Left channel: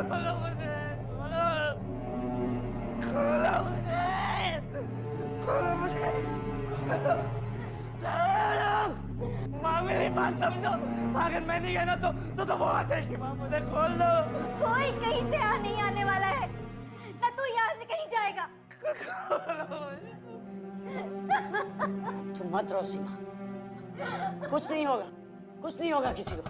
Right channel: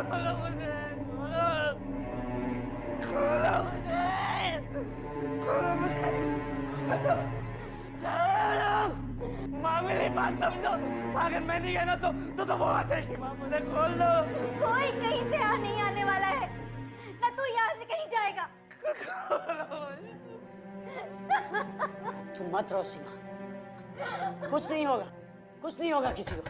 खोलो मुझे, खोलो, खोलो मुझे, खोलो मुझे, खोलो। माँ मेरी बात समझो, अगर मैं नहीं गया ना तो वो आ जाएगी। माँ मुझे खोल दो। कोई कहीं से नहीं आने वाला है, ना तू यहाँ से कहीं जाएगा। तुम मत रो सीमा, कुछ नहीं होगा, कुछ नहीं होगा किसी को।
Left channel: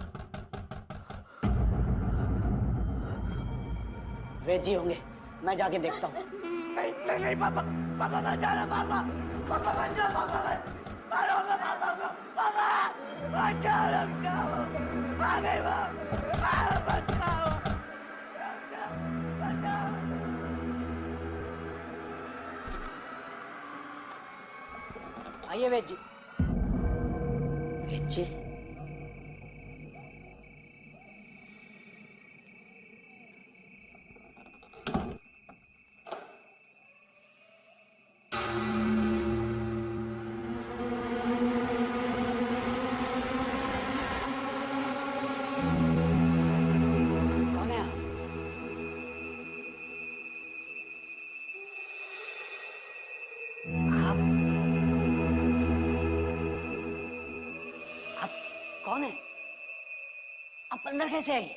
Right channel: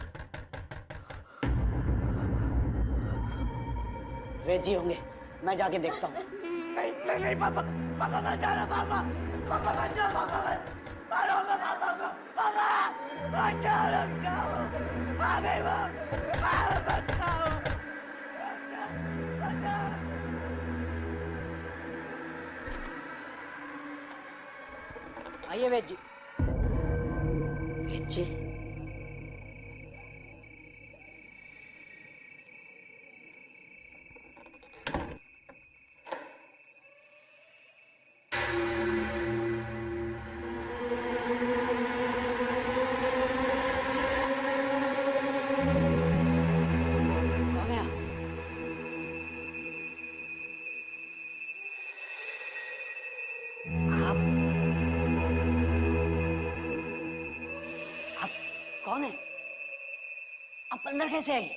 वे जी होंगे, मैं जाके देखता हूँ। नहीं नहीं नहीं पापा, पापा मत जाना। पापा, पापा मत जाओ। पापा मत मारो पापा को। पापा मत जाओ, रुक जाओ। आ गई वो, मत जाओ, रुक जाओ, मत जाओ। आइए वेद जी। वेद जी, कौन है आप? आप कौन है? आप अंदर कैसे आए?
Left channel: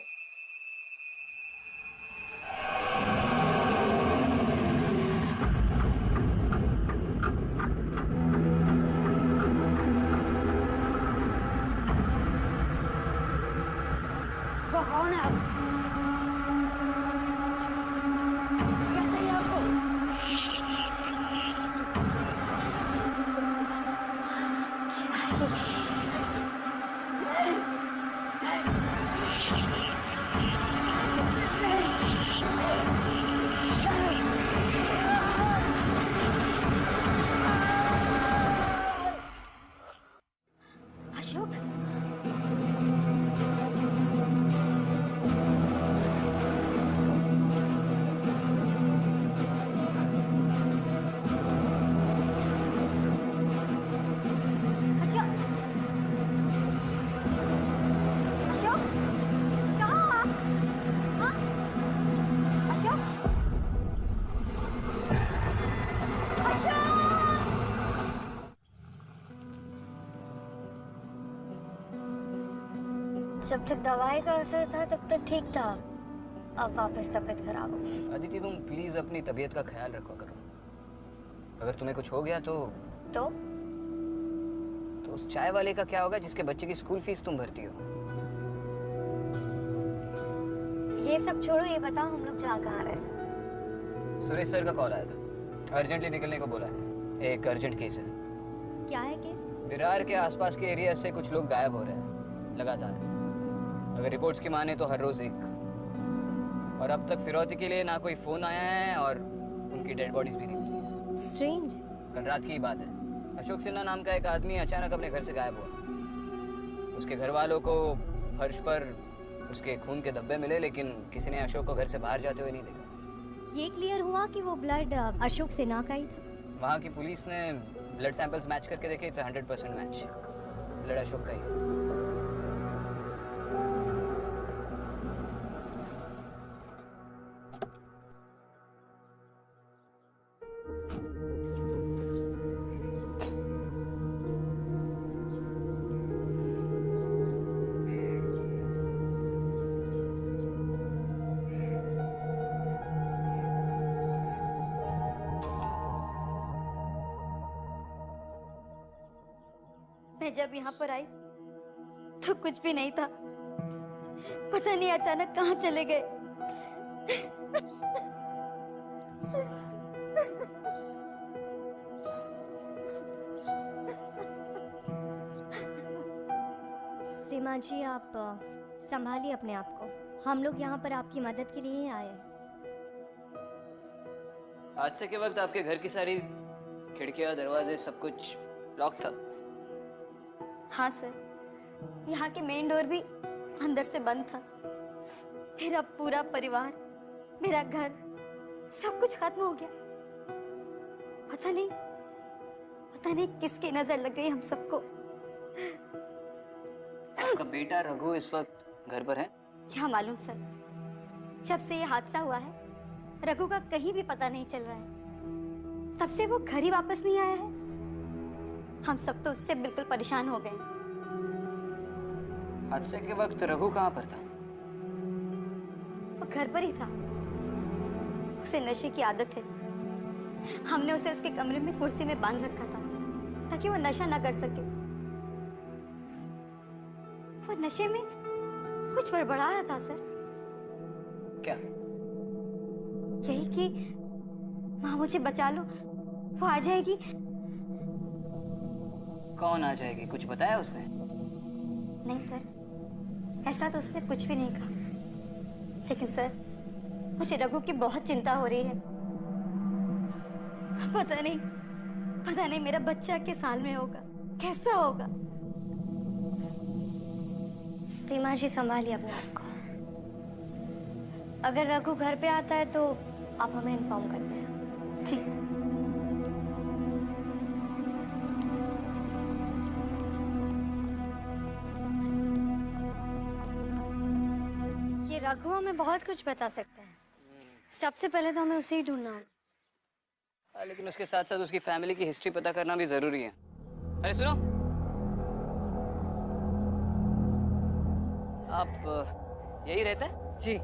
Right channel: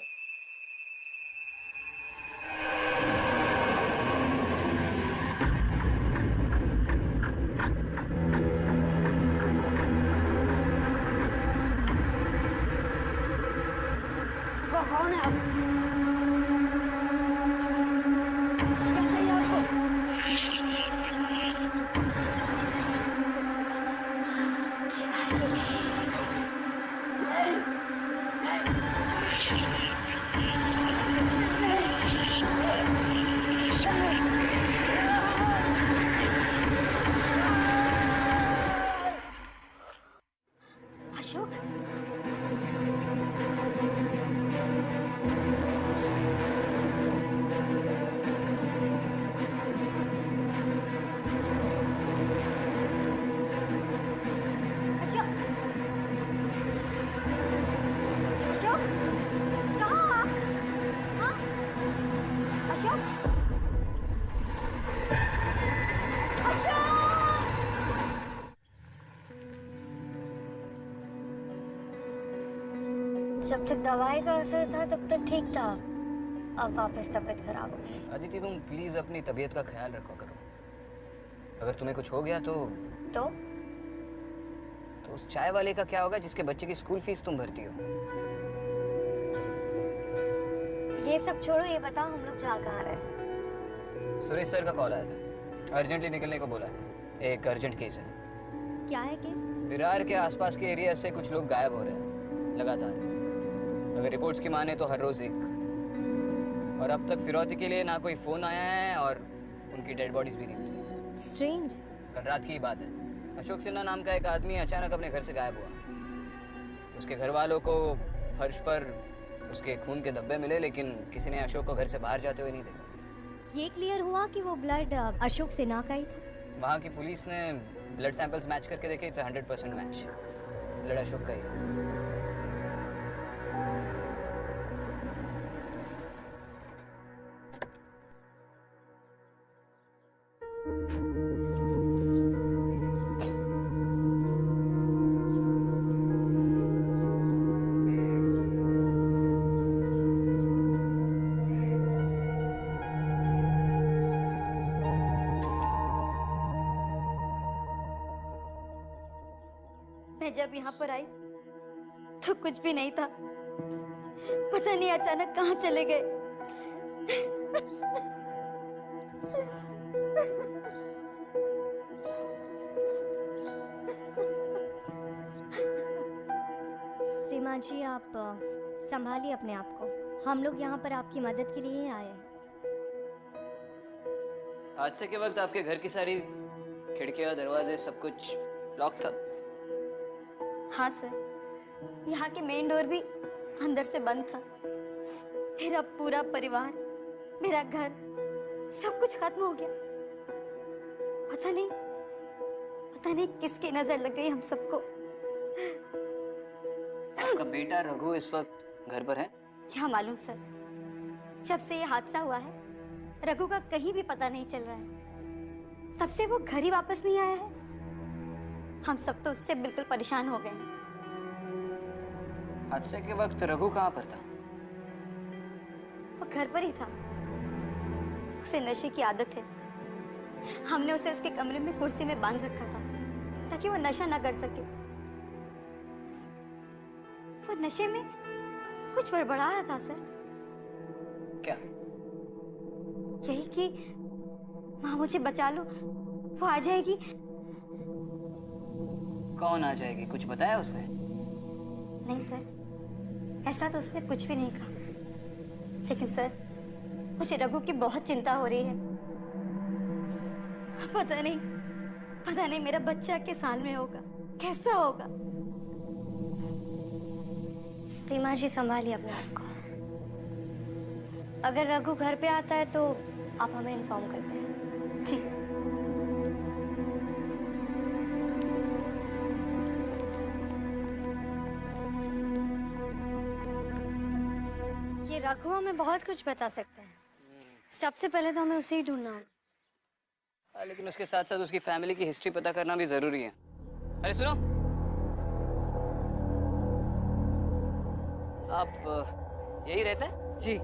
कौन है आप? क्या चाहिए आपको? अशोक, अशोक, अशोक, कहाँ हो आप? हाँ? अशोक, अशोक! जब तक दवाई का असर था तब तक ठीक था, अब वापस तबीयत खराब हो गई। अदिति, तुम प्लीज अपनी तबीयत का ख्याल रखा करो। अगर तुम्हें कुछ हो गया तो तो उस चाय वाले का क्या होगा जिसके बच्चे की स्कूल फीस तुम भरती हो? ये सब छोड़ो, ये बताओ हम लोग जा कहाँ रहे हैं? सुरेश सर का कॉल आया था, अर्जेंटली निकलने को बोला है। एक अर्जेंट केस है। क्या है केस? विरार के आसपास के एरिया से कुछ लोग गायब हो रहे हैं लगातार। अगर रिपोर्ट्स की माने तो हर रोज एक। और अब तक फिरौती के लिए ना कोई फोन आया है और उनकी डेड बॉडीज भी नहीं मिली। स्ट्रेंज। कल रात की ही बात है। अशोक सिन्हा नाम का एक आदमी अचानक अपने घर से गायब हुआ। उसके घर वालों को फर्श पर उसके खून के धब्बे मिले, लेकिन किसी ने अशोक को घर से बाहर जाते हुए नहीं देखा। ये क्लियर हुआ कि वो ब्लड अशोक सिन्हा का ही था? वहाँ की पुलिस ने ब्लड सैंपल्स मैच करके देखे, इट्स 100% मैच। ब्लड अशोक का ही है। मैं जब यहाँ पर आई तो कुछ भी नहीं था, पता नहीं अचानक कहाँ चले गए। सीमा जी, आप संभालिए अपने आप को। हम लोग यहाँ पर आपकी मदद के लिए ही आए हैं। हादसे के वक्त आपके घर की सारी खिड़कियां, दरवाजे, सब कुछ लॉक था? हाँ सर, यहाँ के मेन डोर भी अंदर से बंद था। मेरा पूरा परिवार, मेरा घर, सब कुछ खत्म हो गया। पता नहीं किसकी नजर लग गई हम सबको। आपका बेटा रघु इस वक्त घर पर है? क्या मालूम सर, जब से ये हादसा हुआ है रघु का कहीं भी पता नहीं चल रहा है। तब से वो घर ही वापस नहीं आया है। हम सब तो उससे बिल्कुल परेशान हो गए हैं। हादसे के वक्त रघु कहाँ पर था? वो घर पर ही था। उसे नशे की आदत है। हमने उसे उसके कमरे में कुर्सी में बांध रखा था ताकि वो नशा ना कर सके। वो नशे में कुछ बड़बड़ाया था सर। क्या? यही कि माँ मुझे बचा लो, वो आ जाएगी। कौन आ जाएगी? कुछ बताया उसने? नहीं सर, ऐसा तो उसने कुछ भी नहीं कहा। लेकिन सर मुझे रघु की बहुत चिंता हो रही है। पता नहीं मेरा बच्चा किस हाल में होगा, कैसा होगा। सीमा जी संभालिए अपने आप को। अगर रघु घर पे आता है तो आप हमें इन्फॉर्म कर दें। जी। ये रघु हमें बहुत कुछ बता सकते हैं। सबसे पहले तो हमें उसे ही ढूंढना होगा। लेकिन उसके साथ साथ उसकी फैमिली की हिस्ट्री पता करना भी जरूरी है। अरे सुनो, आप यही रहते हैं? जी।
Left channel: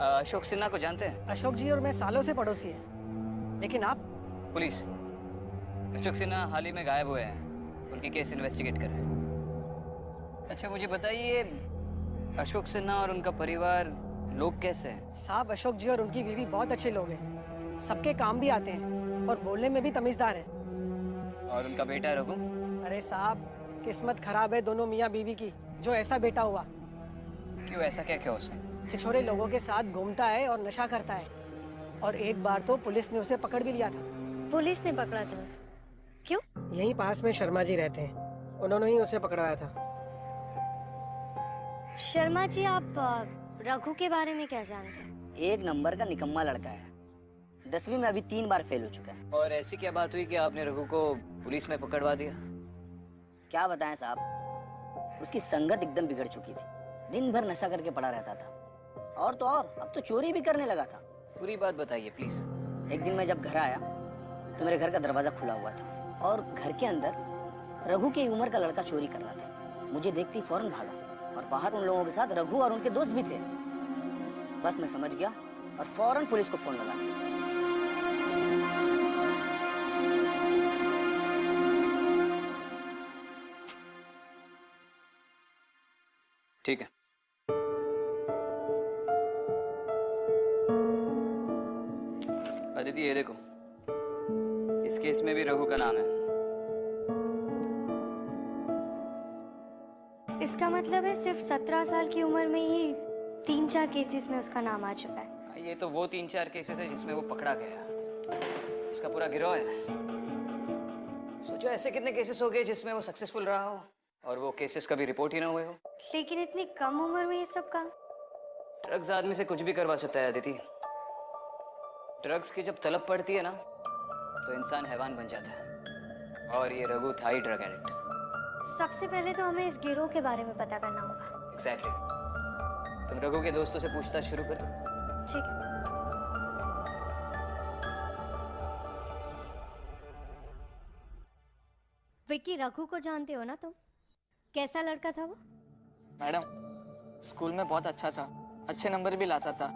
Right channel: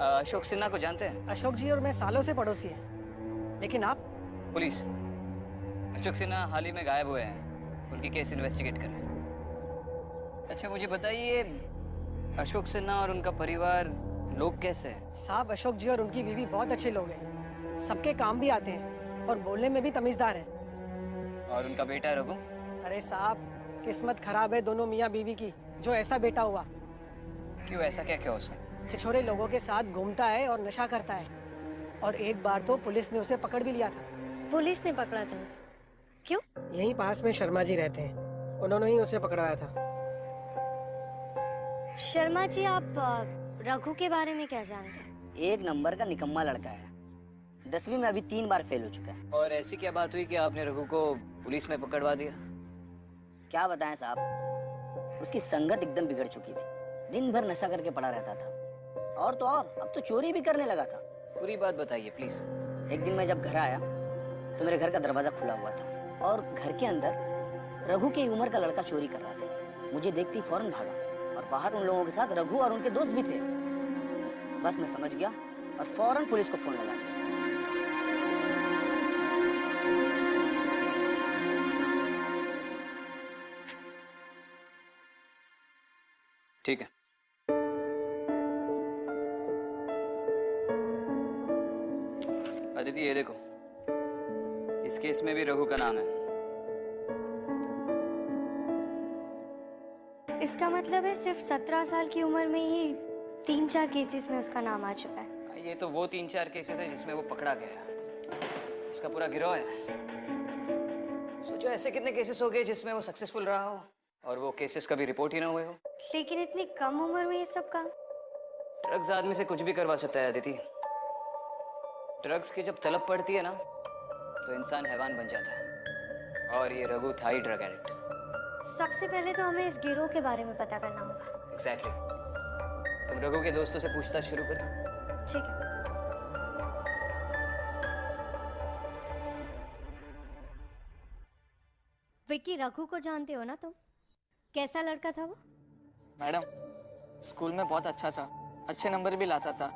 अशोक सिन्हा को जानते हैं? अशोक जी और मैं सालों से पड़ोसी हैं। लेकिन आप? पुलिस। अशोक सिन्हा हाल ही में गायब हुए हैं। उनकी केस इन्वेस्टिगेट कर रहे हैं। अच्छा मुझे बताइए, अशोक सिन्हा और उनका परिवार लोग कैसे हैं? साहब, अशोक जी और उनकी बीवी बहुत अच्छे लोग हैं। सबके काम भी आते हैं और बोलने में भी तमीजदार हैं। और उनका बेटा रघु? अरे साहब, किस्मत खराब है दोनों मियाँ बीवी की, जो ऐसा बेटा हुआ। क्यों? ऐसा क्या किया उसने? छिछोरे लोगों के साथ घूमता है और नशा करता है। और एक बार तो पुलिस ने उसे पकड़ भी लिया था। पुलिस ने पकड़ा था उसे? क्यों? यहीं पास में शर्मा जी रहते हैं, उन्होंने ही उसे पकड़वाया था। शर्मा जी, आप रघु के बारे में क्या जानते हैं? एक नंबर का निकम्मा लड़का है। 10वीं में अभी 3 बार फेल हो चुका है। और ऐसी क्या बात हुई कि आपने रघु को पुलिस में पकड़वा दिया? क्या बताएं साहब, उसकी संगत एकदम बिगड़ चुकी थी। दिन भर नशा करके पड़ा रहता था। और तो और अब तो चोरी भी करने लगा था। पूरी बात बताइए प्लीज। एक दिन मैं जब घर आया तो मेरे घर का दरवाजा खुला हुआ था और घर के अंदर रघु की उम्र का लड़का चोरी कर रहा था। मुझे देखते ही फौरन भागा और बाहर उन लोगों के साथ रघु और उनके दोस्त भी थे। बस मैं समझ गया और फौरन पुलिस को फोन लगा दिया। ठीक है। अदिति ये देखो, इस केस में भी रघु का नाम है। इसका मतलब है सिर्फ 17 साल की उम्र में ही 3-4 केसेस में उसका नाम आ चुका है। ये तो वो 3-4 केसेस है जिसमें वो पकड़ा गया। इसका पूरा गिरोह है। सोचो ऐसे कितने केसेस हो गए जिसमें वो सक्सेसफुल रहा हो और वो केसेस कभी रिपोर्ट ही ना हुए हो। लेकिन इतनी कम उम्र में ये सब काम? ड्रग्स आदमी से कुछ भी करवा सकता है अदिति। ड्रग्स की जब तलब पड़ती है ना तो इंसान हैवान बन जाता है। और ये रघु था ही ड्रग एडिक्ट। सबसे पहले तो हमें इस गिरोह के बारे में पता करना होगा। एग्जैक्टली। तुम रघु के दोस्तों से पूछताछ शुरू कर दो। ठीक है। विक्की, रघु को जानते हो ना तुम? कैसा लड़का था वो? मैडम, स्कूल में बहुत अच्छा था, अच्छे नंबर भी लाता था।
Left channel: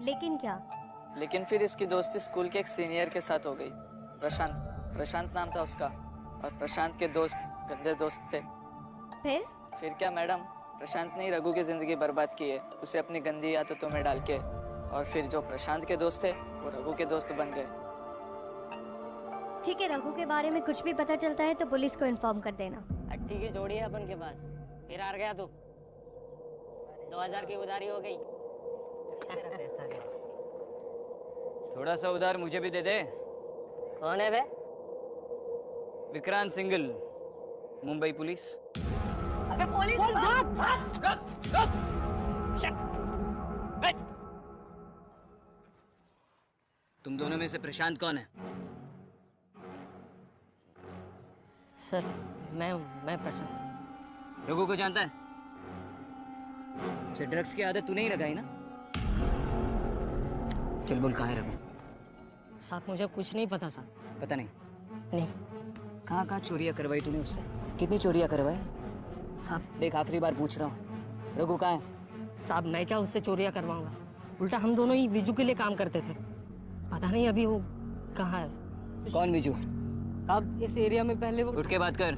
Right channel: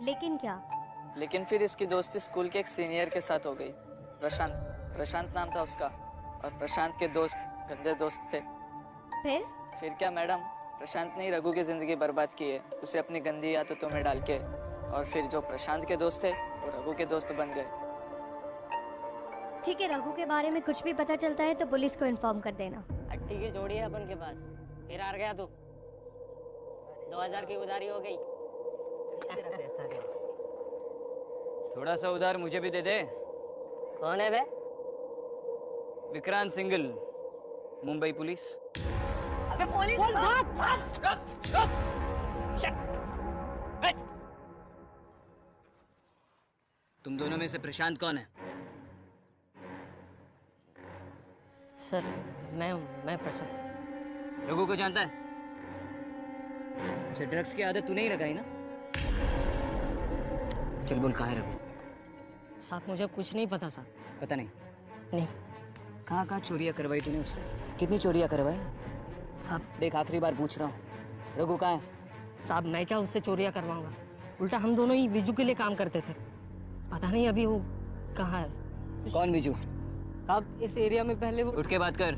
लेकिन क्या? लेकिन फिर इसकी दोस्ती स्कूल के एक सीनियर के साथ हो गई। प्रशांत नाम था उसका। और प्रशांत के दोस्त गंदे दोस्त थे। फिर क्या मैडम, प्रशांत ने ही रघु की जिंदगी बर्बाद की है, उसे अपनी गंदी आदतों में डाल के। और फिर जो प्रशांत के दोस्त थे वो रघु के दोस्त बन गए। ठीक है, रघु के बारे में कुछ भी पता चलता है तो पुलिस को इन्फॉर्म कर देना। अट्टी की जोड़ी है अपन के पास। फिर हार गया तू। 2000 की उधारी हो गई। थोड़ा सा उधार मुझे भी दे दे। कौन है बे? विक्रांत सिंगल, मुंबई पुलिस। अबे पुलिस! तुम दोनों में से प्रशांत कौन है? सर मैं प्रशांत। रघु को जानता है? उसे ड्रग्स की आदत तूने ही लगाई ना? चल बोल, कहाँ है रघु? साहब मुझे कुछ नहीं पता साहब। पता नहीं? नहीं कहाँ कहाँ चोरियाँ करवाई तूने उससे? कितनी चोरियाँ करवाई? साहब। देख, आखिरी बार पूछ रहा हूँ, रघु कहाँ है? साहब मैं क्या उससे चोरियाँ करवाऊंगा? उल्टा हम दोनों ही विजू के लिए काम करते थे। पता नहीं अभी वो कहाँ है। कौन विजू? साहब इस एरिया में पहले वो उठ के बात कर।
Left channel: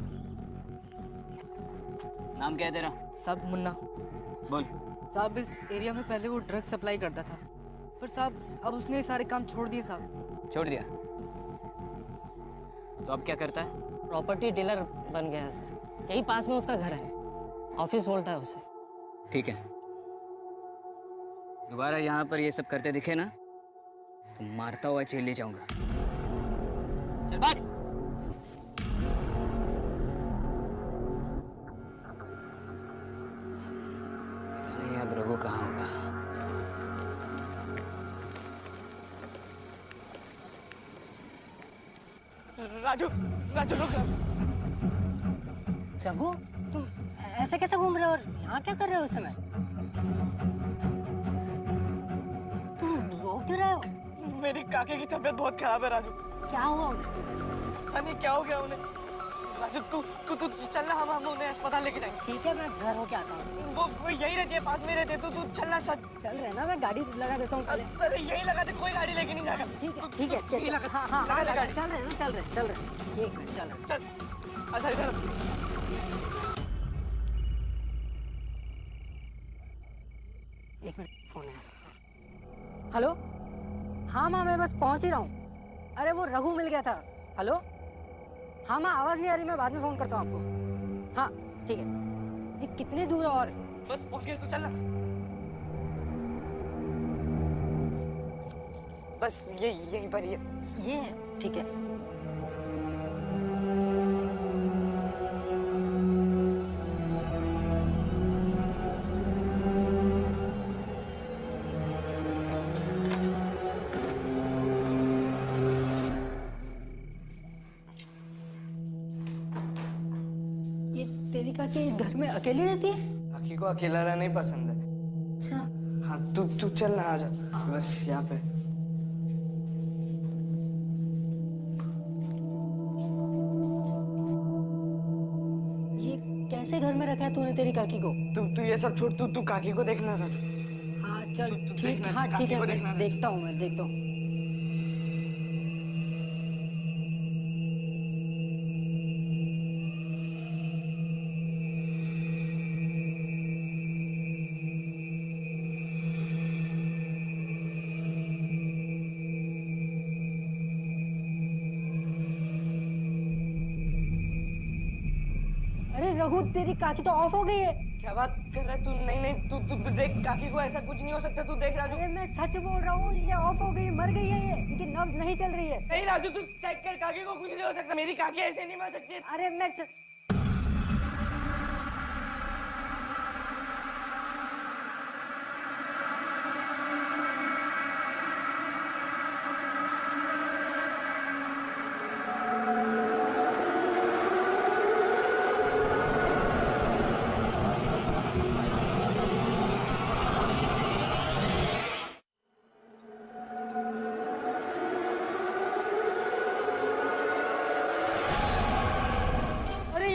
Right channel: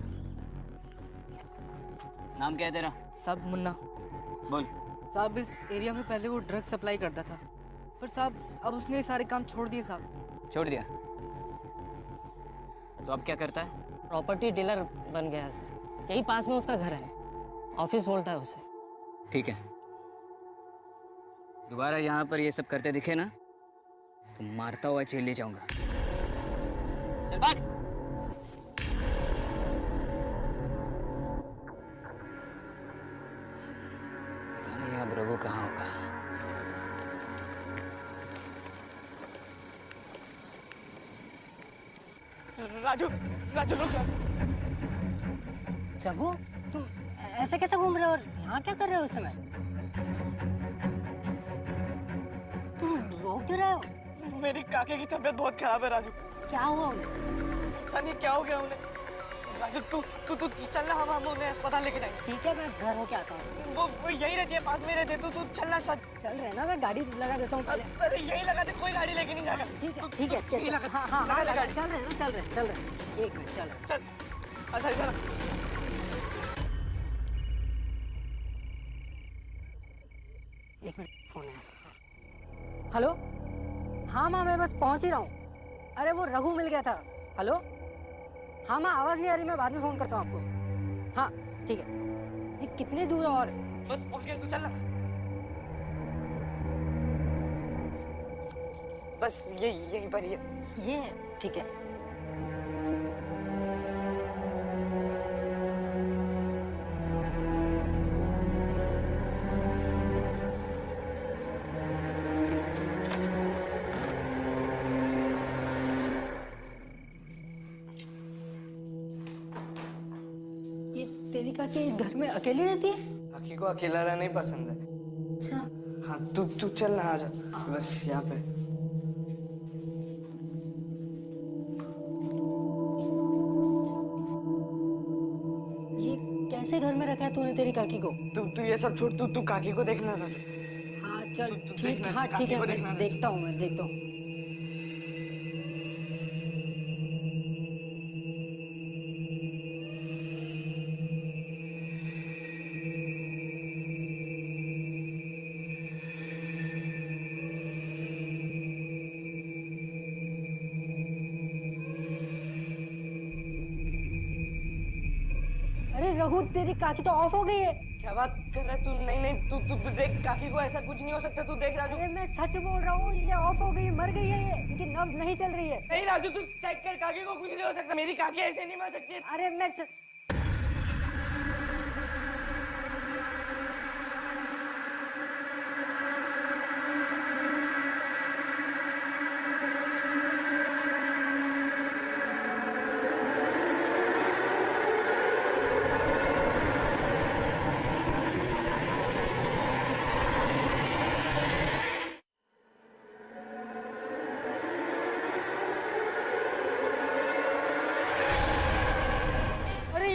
नाम क्या है तेरा? साहब मुन्ना। बोल। साहब इस एरिया में पहले वो ड्रग सप्लाई करता था, पर साहब अब उसने सारे काम छोड़ दिए साहब। छोड़ दिया? तो अब क्या करता है? प्रॉपर्टी डीलर बन गया है सर। यही पास में उसका घर है, ऑफिस बोलता है उसे। ठीक है, दोबारा यहाँ पर ये सब करते दिखे ना तो मारता हुआ जेल ले जाऊंगा। चल भाग। पता नहीं अब रघु कहाँ होगा। राजू, राजू रुक। रघु, तुम ऐसे कैसे घूम रहे हो और यहाँ क्या कर रहे हो इस समय? तुम रो क्यों रहे हो? मेरी काके की तबीयत बहुत खराब है राजू। क्या हुआ उन्हें? पता नहीं क्या हो गया उन्हें। राजू तू तू तू चल ना, हम उन्हें अस्पताल लेके जाएंगे। ठीक है, मैं घर होके आता हूँ। वो यही रहती है, पास में रहती है। तू चल ना। चल रहे ना, मैं गाड़ी लगा देता हूँ पहले। अरे यही लगा दे, कोई गाड़ी लेके नहीं जाएगा। ठीक है ठीक है, यही लगा। हाँ हाँ लगा हाँ, दे गाड़ी। चल रहे ना, चल रहे। एक मिनट, चल रहे। चल। अच्छा इधर। एक मिनट, फोन है। हेलो, हाँ माँ मैं बस पहुँच ही रहा हूँ। अरे वो रघु मिल गया था। हेलो, हाँ माँ आवाज़ नहीं आ रही, मैं बाद में फ़ोन करता हूँ आपको। हाँ ठीक है। ये कितनी दूर है और? बस पहुंच गए, तू चल ना। बस यहीं पर ही है। ये ठीक है। ये तेरी काकी इस घर में अकेली रहती है? काकी को अकेला रहना ही पसंद है। अच्छा। हाँ तू चल ना, आ जा। बस यहाँ पे। ये कैसे घर में रखा है तूने तेरी काकी को? तू ये सब छोड़, तू काकी को देखना राजू। हाँ चल तू ठीक, देखना, हाँ काकी ठीक है, को मैं देखना। देखता हूँ, मैं देखता हूँ। अरे रघु, तेरी काकी तो ऑफ हो गई है। क्या बात कर रहा है तू? नहीं तू देख, काकी को ऐसा कुछ नहीं हो सकता। तू देख राजू। अरे मैं सच बोल रहा हूँ, ये ऑफ हो गई है, मर गई है ये, इनकी नब्ज नहीं चल रही है। नहीं राजू, तू चेक कर, काकी को कुछ नहीं हो सकता। मेरी काकी ऐसे नहीं मर सकती। अरे मैं अरे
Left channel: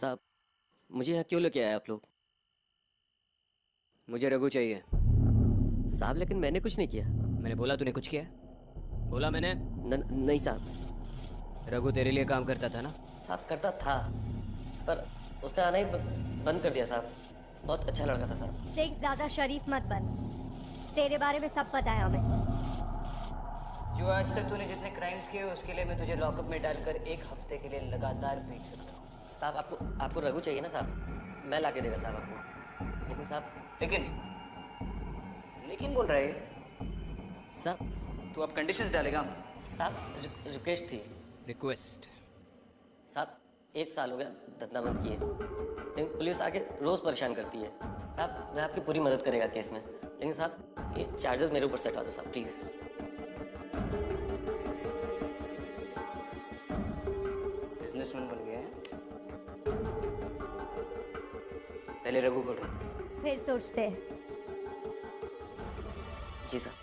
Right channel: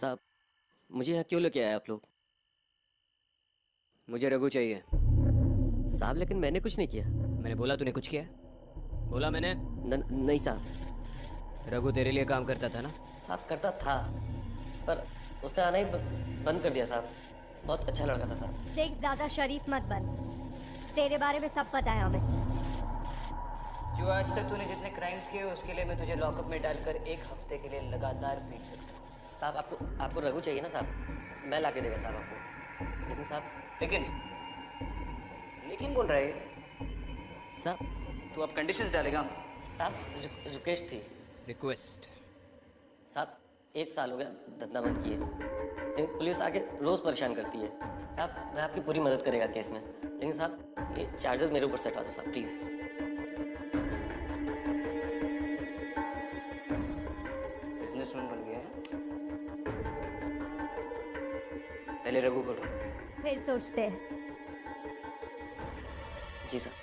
साहब, मुझे यहाँ क्यों लेके आए आप लोग? मुझे रघु चाहिए। साहब, लेकिन मैंने कुछ नहीं किया। मैंने बोला तूने कुछ किया? बोला मैंने? नहीं साहब। रघु तेरे लिए काम करता था ना? साहब करता था, पर उसने आना ही बंद कर दिया साहब। बहुत अच्छा लड़का था साहब। देख, ज्यादा शरीफ मत बन। तेरे बारे में सब पता है हमें। जो आज तक तूने जितने क्राइम्स किए उसके लिए मैं तुझे लॉकअप में डालकर 1 हफ्ते के लिए लगातार पीट सकता हूँ। साहब, आपको रघु चाहिए ना साहब? मैं ला के देगा साहब आपको। लेकिन साहब, लेकिन बोल रहा है साहब तू अब कंडीशंस डालेगा? साहब रिक्वेस्ट थी। रिक्वेस्ट? साहब 1 साल हो गया धंधा बंद किए, लेकिन पुलिस आके रोज परेशान करती है। साहब मैं आपकी पूरी मदद करेगा केस में, लेकिन साहब ये चार्जेस मेरे ऊपर से हटा दो साहब प्लीज। बिजनेसमैन बन गया है। पहले रघु को ढूंढ। फिर सोचते हैं। जी साहब।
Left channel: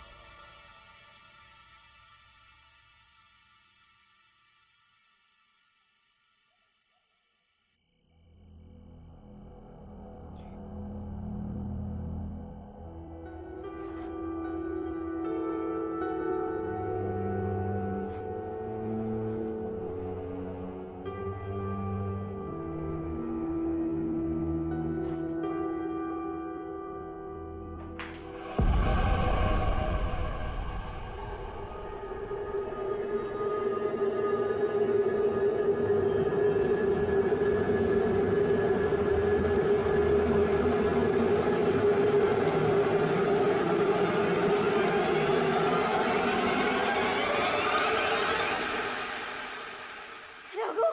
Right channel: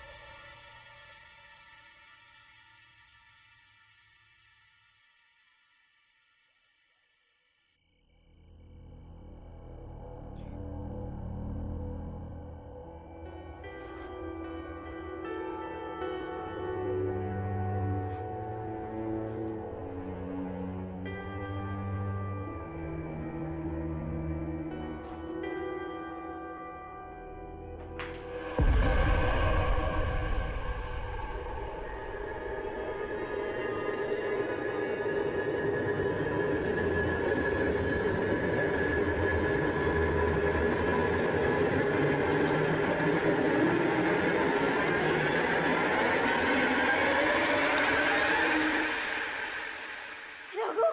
रघु,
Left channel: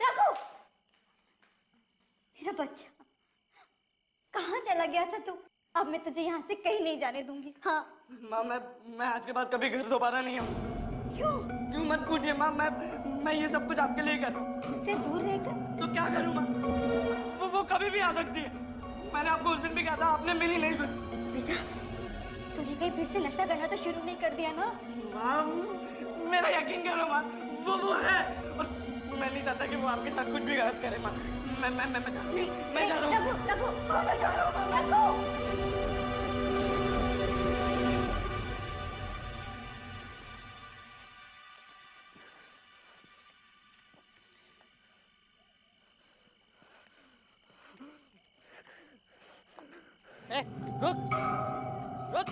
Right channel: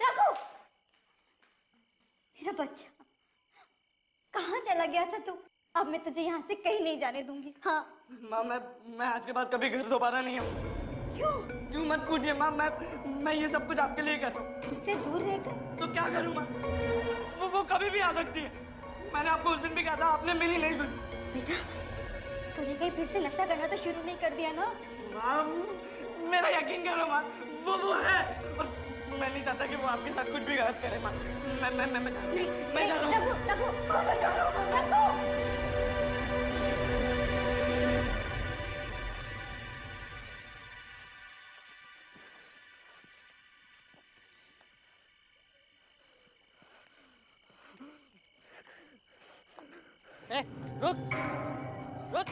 रघु, मेरा बच्चा, कहाँ चला गया था तू? अब मैं तुझे यहाँ से कहीं नहीं जाने दूंगी। हाँ माँ, मैं आज के बाद कभी घर दोबारा नहीं आऊँ। क्यों मत पूछिए माँ, मैं ये सब कुछ आपके लिए कर रहा हूँ। उससे दूर रहकर तो क्या करूँ माँ? वो कभी भी आ सकती है। मैंने आपको उस दिन भी कहा था, आपने मेरी नहीं सुनी। बेटा, तूने कहीं फिर से नशा करना तो शुरू नहीं कर दिया ना? माँ, मेरा यकीन करो माँ, वो है। और मैं नहीं चाहता कि वो आपके साथ कुछ भी गलत करे माँ। मैं जा रहा हूँ। मैं जा रहा हूँ। रघु, मैं जा रहा हूँ। रघु, रुक रुक।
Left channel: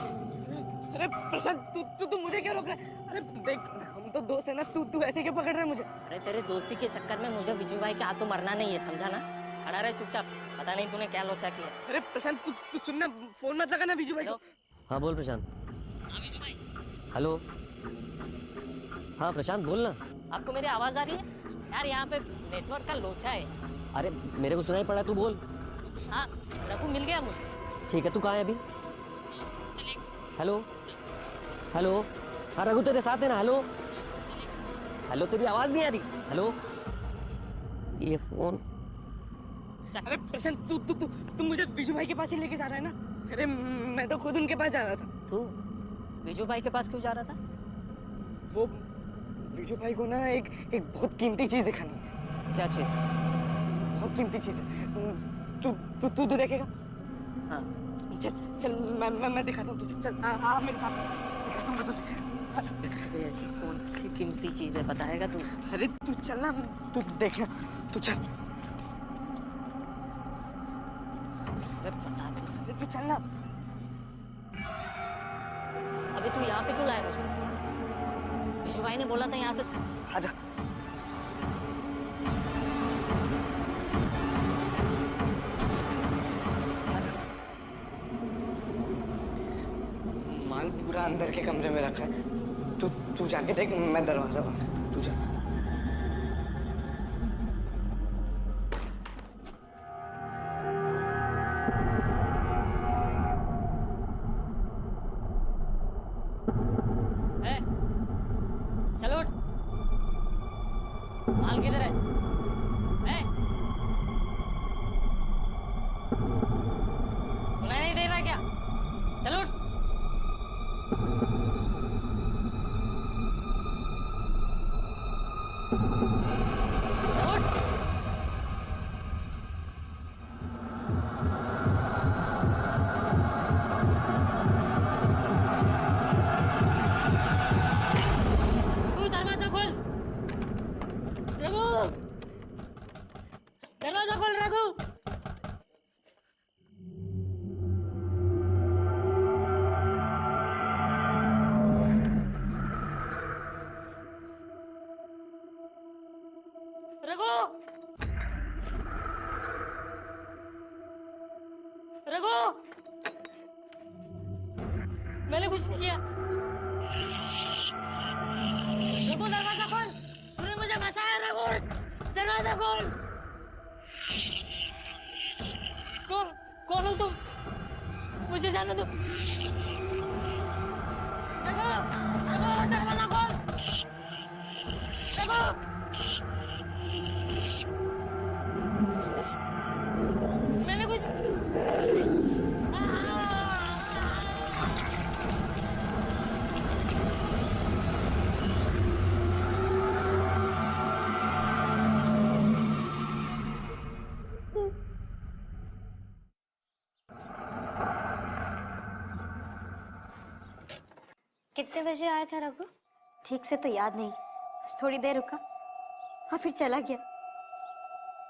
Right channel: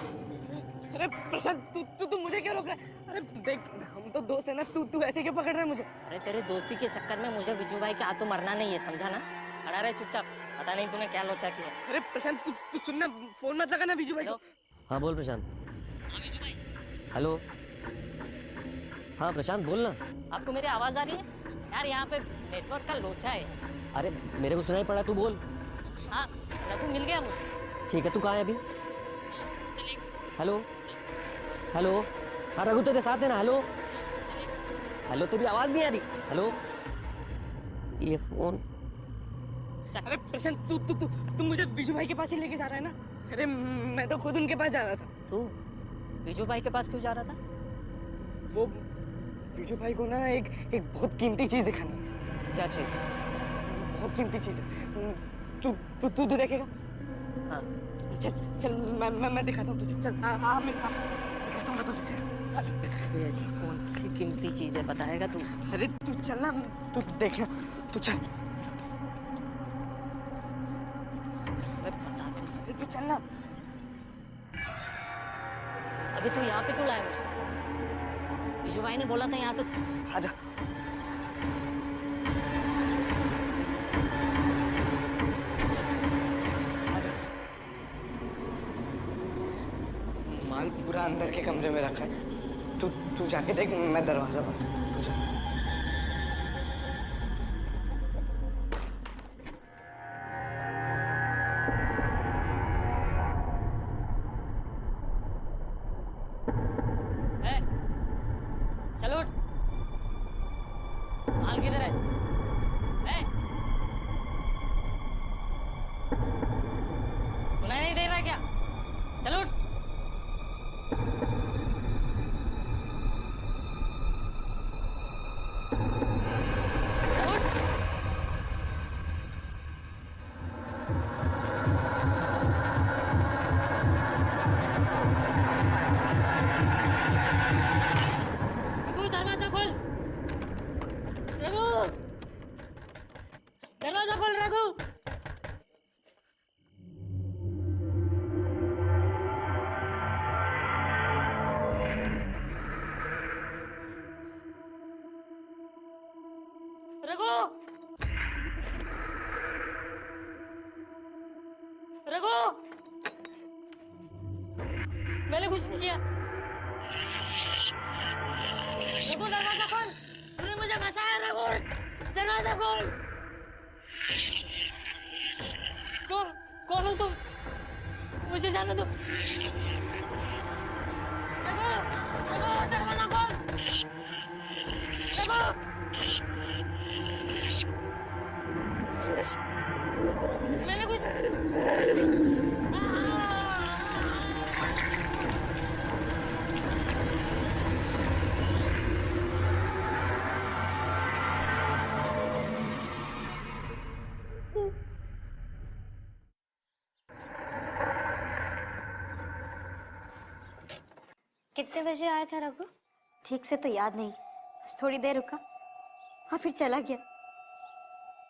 अरे प्रशांत, तू मुझे क्यों रोक रहा है? अरे देख, हम तो दोस्त है ना, तू ऐसे क्यों पकड़ रहा है मुझे? अरे तेरे दोस्ती के चक्कर में मुझे विजू भाई के हाथों मरना नहीं है, समझा ना? खड़ा रहे चुपचाप। पता नहीं तूने क्या लोचा किया। अरे प्रशांत, तू सुनना, फोन मत लगा ना विजू भाई को। हाँ बोल प्रशांत। हाँ विजू भाई, हेलो। हाँ प्रशांत बोल ना। आपको मेरी आवाज आ रही है? यार यहाँ पे नेटवर्क का लोचा है। अरे मेरे को सुनाई पड़ा, तू बोल। हाँ, रघु मिल गया मुझे। ठीक है, तू कहाँ है अभी? Hello hello. हाँ रघु तेरे साथ है ना? हेलो हेलो, तेरी आवाज नहीं आ रही। हेलो, ये फोन। अरे प्रशांत, तू मुझे विजू भाई के पास ही लेके जा रहा है ना? अरे मैं तो खुद उनके पास जा रहा था। तू विजू भाई के पास क्यों जा रहा था? वो विजू भाई को ना एक बहुत कीमती चीज दिखानी है। क्या चीज? बहुत कीमती चीज है। तू देखेगा? हाँ चल मैं दिखाता हूँ तुझे। चल आ मेरे साथ, दिखाता हूँ मैं तुझे। ऐसी कौन सी कीमती चीज है, बताएगा तू? अरे तू चल ना, तू देखना, तू चल। बता तो सही। तू चल ना। अबे तू यहाँ पे क्यों लाया मुझे? विजू भाई ने बोला था यहाँ से। आजा। आजा। माल पूरा अंदर के कमरे में रखा है। तू जाके देख, मैं दरवाजा बंद करता हूँ। तू जा। चलो उठ। माल किधर है? सुनाई नहीं दे रहा क्या? चलो उठ। उठ। मैंने कुछ नहीं किया। रघु दरवाजा खोल, तूने मुझे फंसाया। रघु दरवाजा खोल। कौन हो तुम? मुझे जाने दो। रघु, रघु दरवाजा खोल। रघु। मैंने कुछ कितने बजे आया था रघु? ठीक से तो याद नहीं, बस थोड़ी देर रुका और फिर चला गया।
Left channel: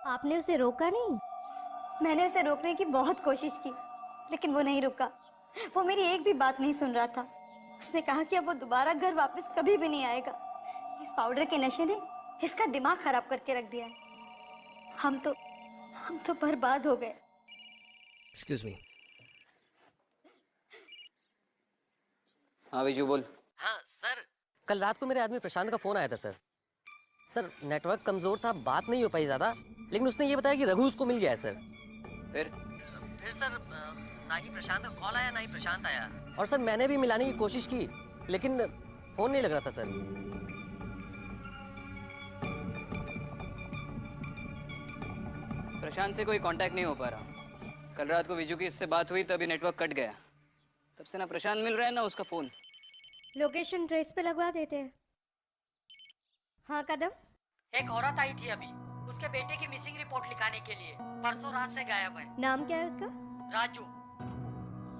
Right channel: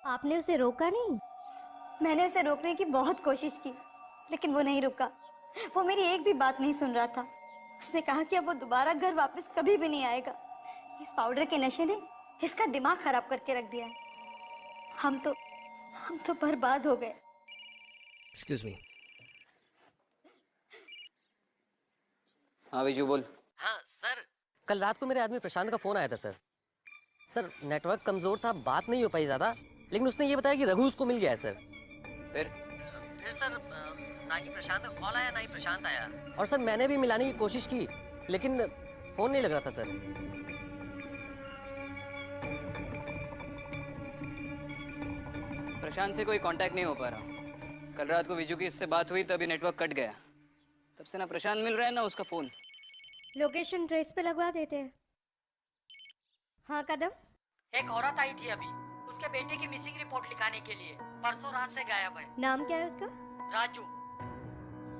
आपने उसे रोका नहीं? मैंने उसे रोकने की बहुत कोशिश की, लेकिन वो नहीं रुका। वो मेरी एक भी बात नहीं सुन रहा था। उसने कहा कि अब वो दोबारा घर वापस कभी भी नहीं आएगा। इस पाउडर के नशे ने इसका दिमाग खराब करके रख दिया है। हम तो बर्बाद हो गए। Excuse me. हाँ विजू बोल। हाँ सर, कल रात को मेरे आदमी प्रशांत का फोन आया था सर। सर नेटवर्क कमजोर था, बात नहीं हो पाई ज्यादा, लेकिन उसने ये बताया कि रघु उसको मिल गया है सर। फिर सर ना ही प्रशांत का कॉल आया ना ही प्रशांत आया। और सर मैंने भी मिलाने की कोशिश की, लेकिन फोन नहीं लग रहा था सर। प्रशांत से कोई कांटेक्ट नहीं हो पा रहा। कल रात को विजू की इससे बात हुई तभी नेटवर्क कट गया। तब से ना प्रशांत मिल रहा है ना उसका फोन। लोकेशन ट्रेस पे लगवा देते हैं। हाँ कदम। एक औरत आई थी अभी, उसके बेटे की मिसिंग रिपोर्ट लिखाने के लिए। परसों रात से गायब है। नाम क्या है उसका? राजू।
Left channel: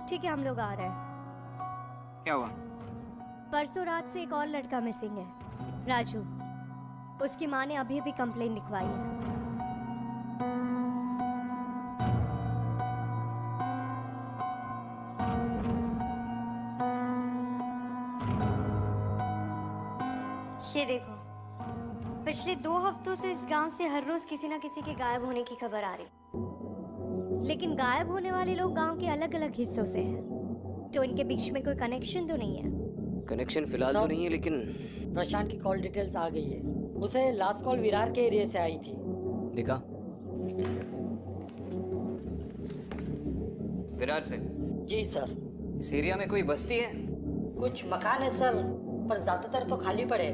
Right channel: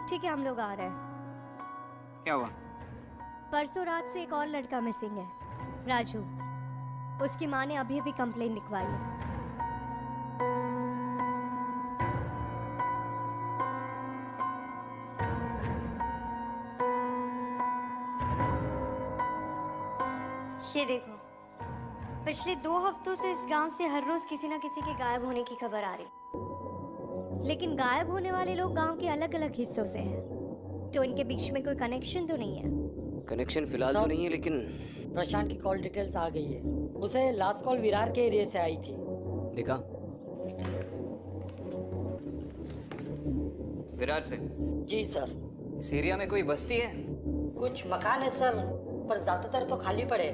ठीक है, हम लोग आ रहे हैं। क्या हुआ? परसों रात से एक और लड़का मिसिंग है, राजू। उसकी माँ ने अभी अभी कंप्लेन लिखवाई है। ये देखो, पिछले 2 हफ्तों से इस गांव से हर रोज किसी ना किसी के गायब होने की खबर आ रही। लेकिन गायब होने वाले लोग गांव के अलग अलग हिस्सों से हैं, तो इनके बीच में कोई कनेक्शन तो नहीं है। कनेक्शन फिलहाल तो नहीं है, लेकिन प्रशांत की कॉल डिटेल्स आ गई है। उसे लास्ट कॉल विरार के एरिया से आई थी। दिखा। विरार से? जी सर। इस एरिया में कोई बस्ती है? कुछ मकान है सर, पर ज्यादातर तो खाली पड़े।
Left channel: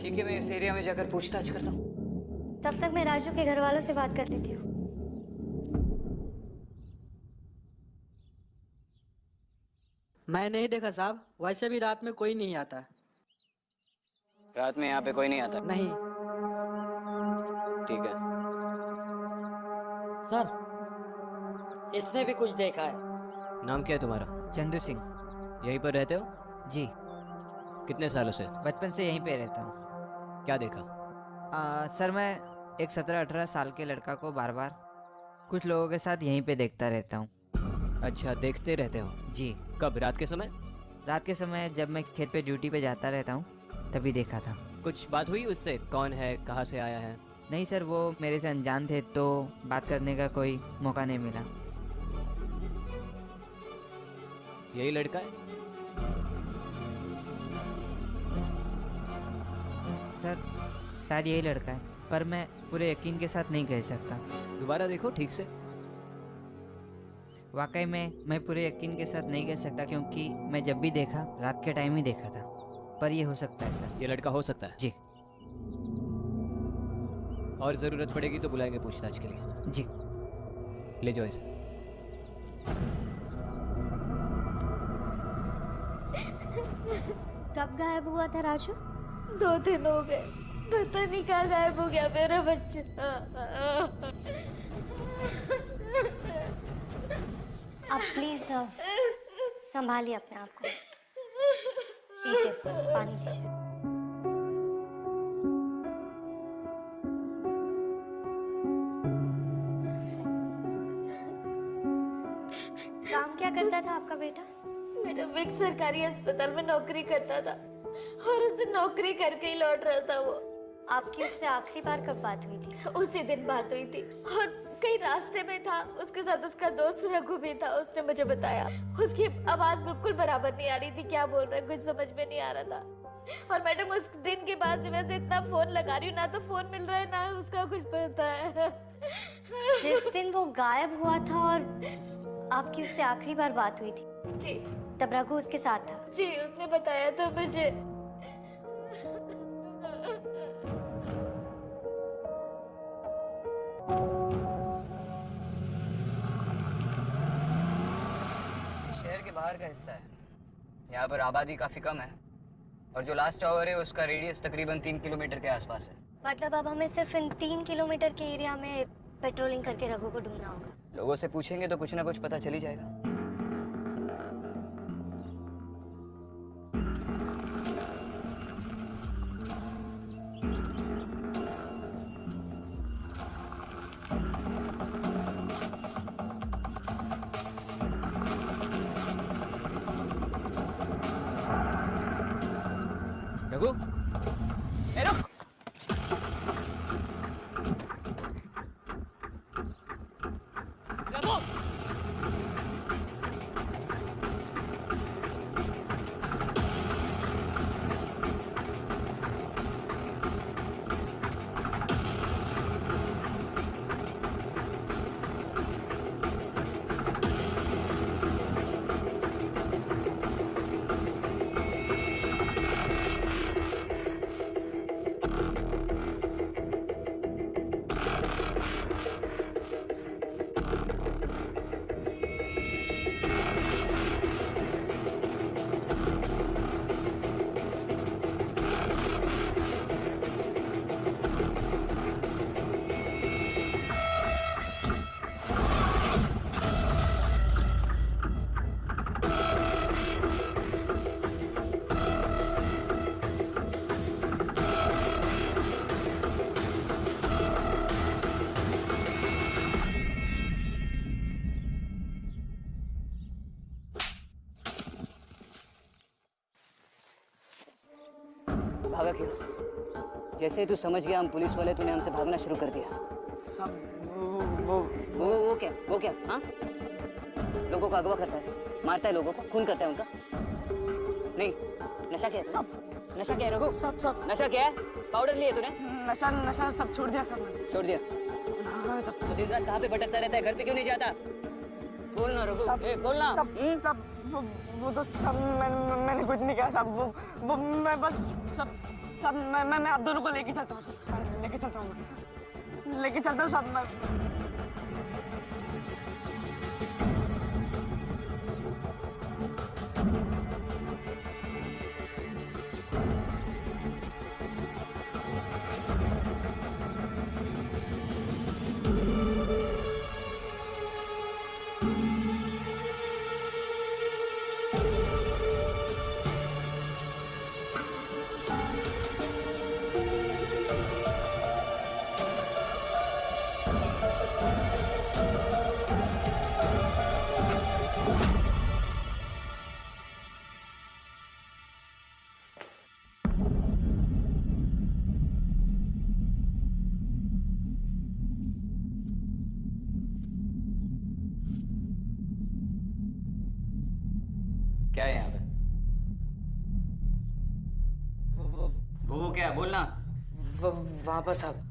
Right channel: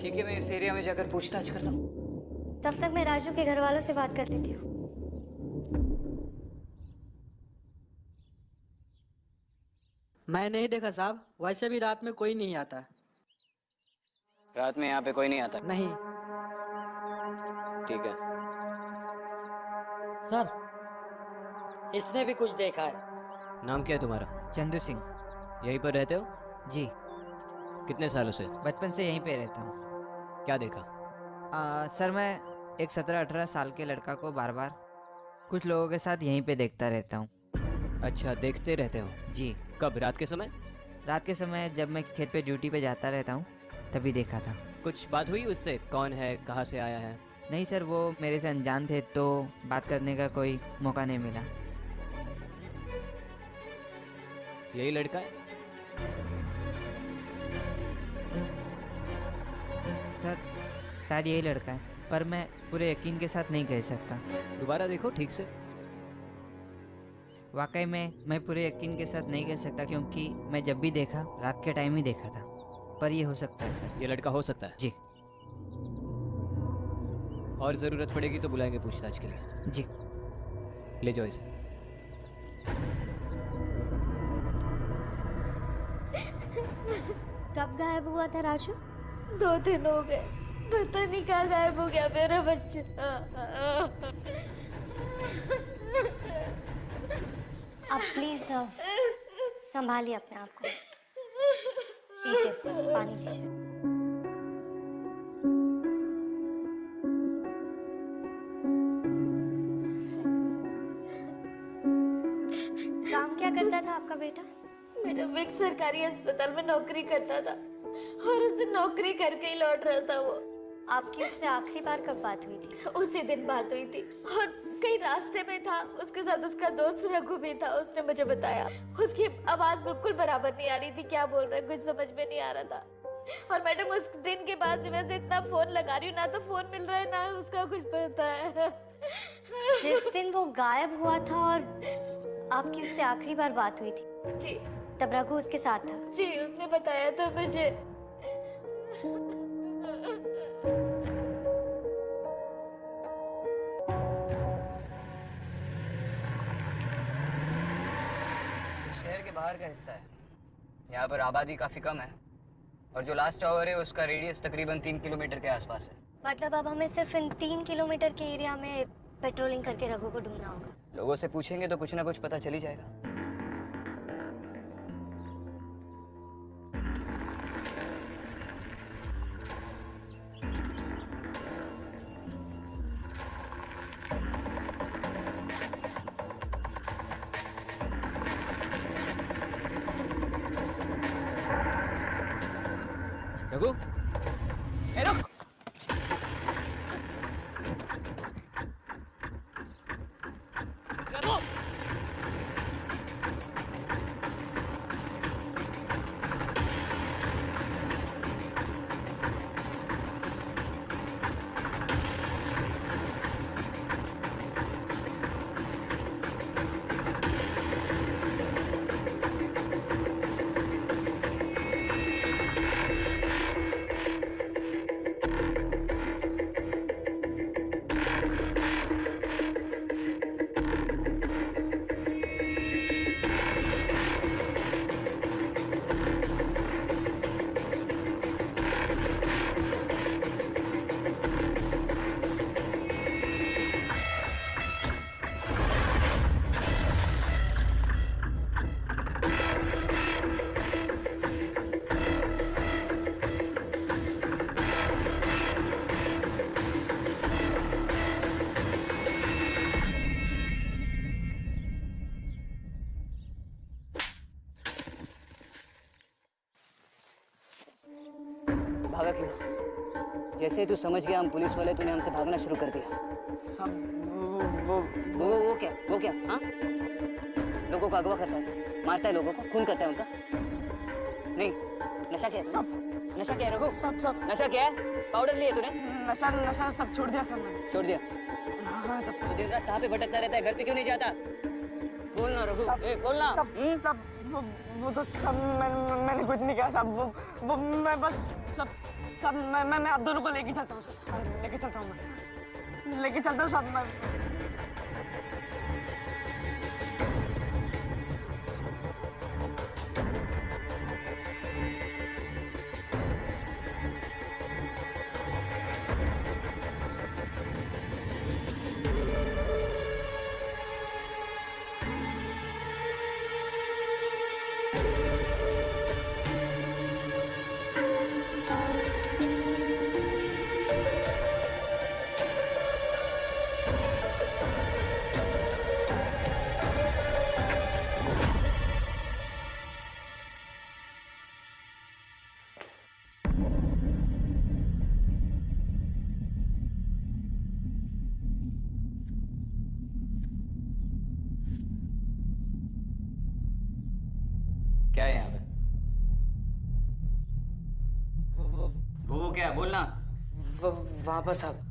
ठीक है, मैं इस एरिया में जाकर पूछताछ करता हूँ। तब तक मैं राजू के घर वालों से बात कर लेती हूँ। मैं नहीं देखा साहब, वैसे भी रात में कोई नहीं आता। रात में यहाँ पे कोई नहीं आता? नहीं। ठीक है सर, इसने भी कुछ देखा है। नाम क्या है तुम्हारा? चंदू सिंह। यहीं पर रहते हो? जी। कितने सालों से? बचपन से यहीं पे रहता हूँ। क्या देखा? सर मैं एक 17-18 साल के लड़का को बार बार कुछ लोगों के साथ यहीं पे देखता रहता हूँ। अच्छा, देखते रहते हो? जी। कब? रात के समय? रात के समय जब मैं खेत पे ड्यूटी पे जाता रहता हूँ तभी देखा था। कुछ बात हुई उससे? कौन है, कहाँ से आया है? नहीं सर, वो मेरे से अनजान थे तो बात करने का कोई मौका नहीं मिला। यही लड़का है? सर शायद यही लड़का है, पर मैं पूरे यकीन के साथ नहीं कह सकता। दोबारा देखो ठीक से। वाकई में मैं पूरे यकीन के साथ नहीं कह सकता, क्योंकि मैं जब भी देखा रात के टाइम ही देखा था। पर ये हो सकता है सर। ये लड़का हो सकता है? जी। और ज़रूरत पड़ेगी तो बुलाएंगे पूछताछ के लिए। जी। ले जाओ इसे। कब गायब हुआ था राजू? 2 दिन हो गए, पता नहीं कहाँ गायब हो गया मेरा बच्चा। आप प्लीज संभालिए अपने आप को। लीजिए पानी लीजिए। काम क्या करता था आपका बेटा? मेरा विक सरकारी अस्पताल में नौकरी करता था और उसे नौकरी करके ही लौट रहा था वो। आपकी उससे आखिरी बार कब बात हुई थी? उसी दिन बात हुई थी और कहीं रास्ते में था, उसके साथ उसका दोस्त रघु भी था। उसने मुझे बताया उसकी आवाज बिल्कुल बराबर नहीं आ रही थी, क्या बोल रहा है कुछ समझ में नहीं आ रहा था। और मैडम उस दिन के बाद से वैसे इतना फोन लगा रही हूँ, ना तो फोन मिल रहा है ना उसका कुछ पता है। जिस दिन वो गायब हुआ था और आपकी उससे आखिरी बार बात हुई थी जी, तब रघु उसके साथ था। जी उसने बताया था मुझे। शहर के बाहर का हिस्सा है, यहाँ पर आबादी काफी कम है और जो लास्ट टावर है उसका रेडियस तकरीबन 3 किलोमीटर के आसपास है। मतलब अब हमें सिर्फ इन 3 किलोमीटर के एरिया में पेट्रोलिंग करके रघु को ढूंढना होगा। लोगों से पूछेंगे तो कुछ ना कुछ पता चल ही जाएगा। रघु, ए रुक। रघु, भागा क्यों? जैसे ही तू समझ गया हम पुलिस वाले, तूने हमसे भागना शुरू कर दिया। सब वो क्या हाँ? लोगों को अगवा करता है, मारता है लोगों को, खून करता है उनका। नहीं, नशा क्या है? नशा क्या है रघु? सब नशा क्या है? पाउडर लिए तूने? नशा सब छोड़ दिया सब मैंने। छोड़ दिया? हाँ सब। तो दिन रात कहाँ पे भटकता रहता है, घर पे क्यों नहीं जाता? बोलना रघु, बोलना। सब वो तो सब मैंने कुछ नहीं किया। सब वो मैं बस सब मैं आप दोनों को लेके चलता हूँ। सब लेके चलता हूँ, मैं लेके चलता हूँ सब मैं। क्या है यहाँ पे? वो क्या? बोलना। वापस अब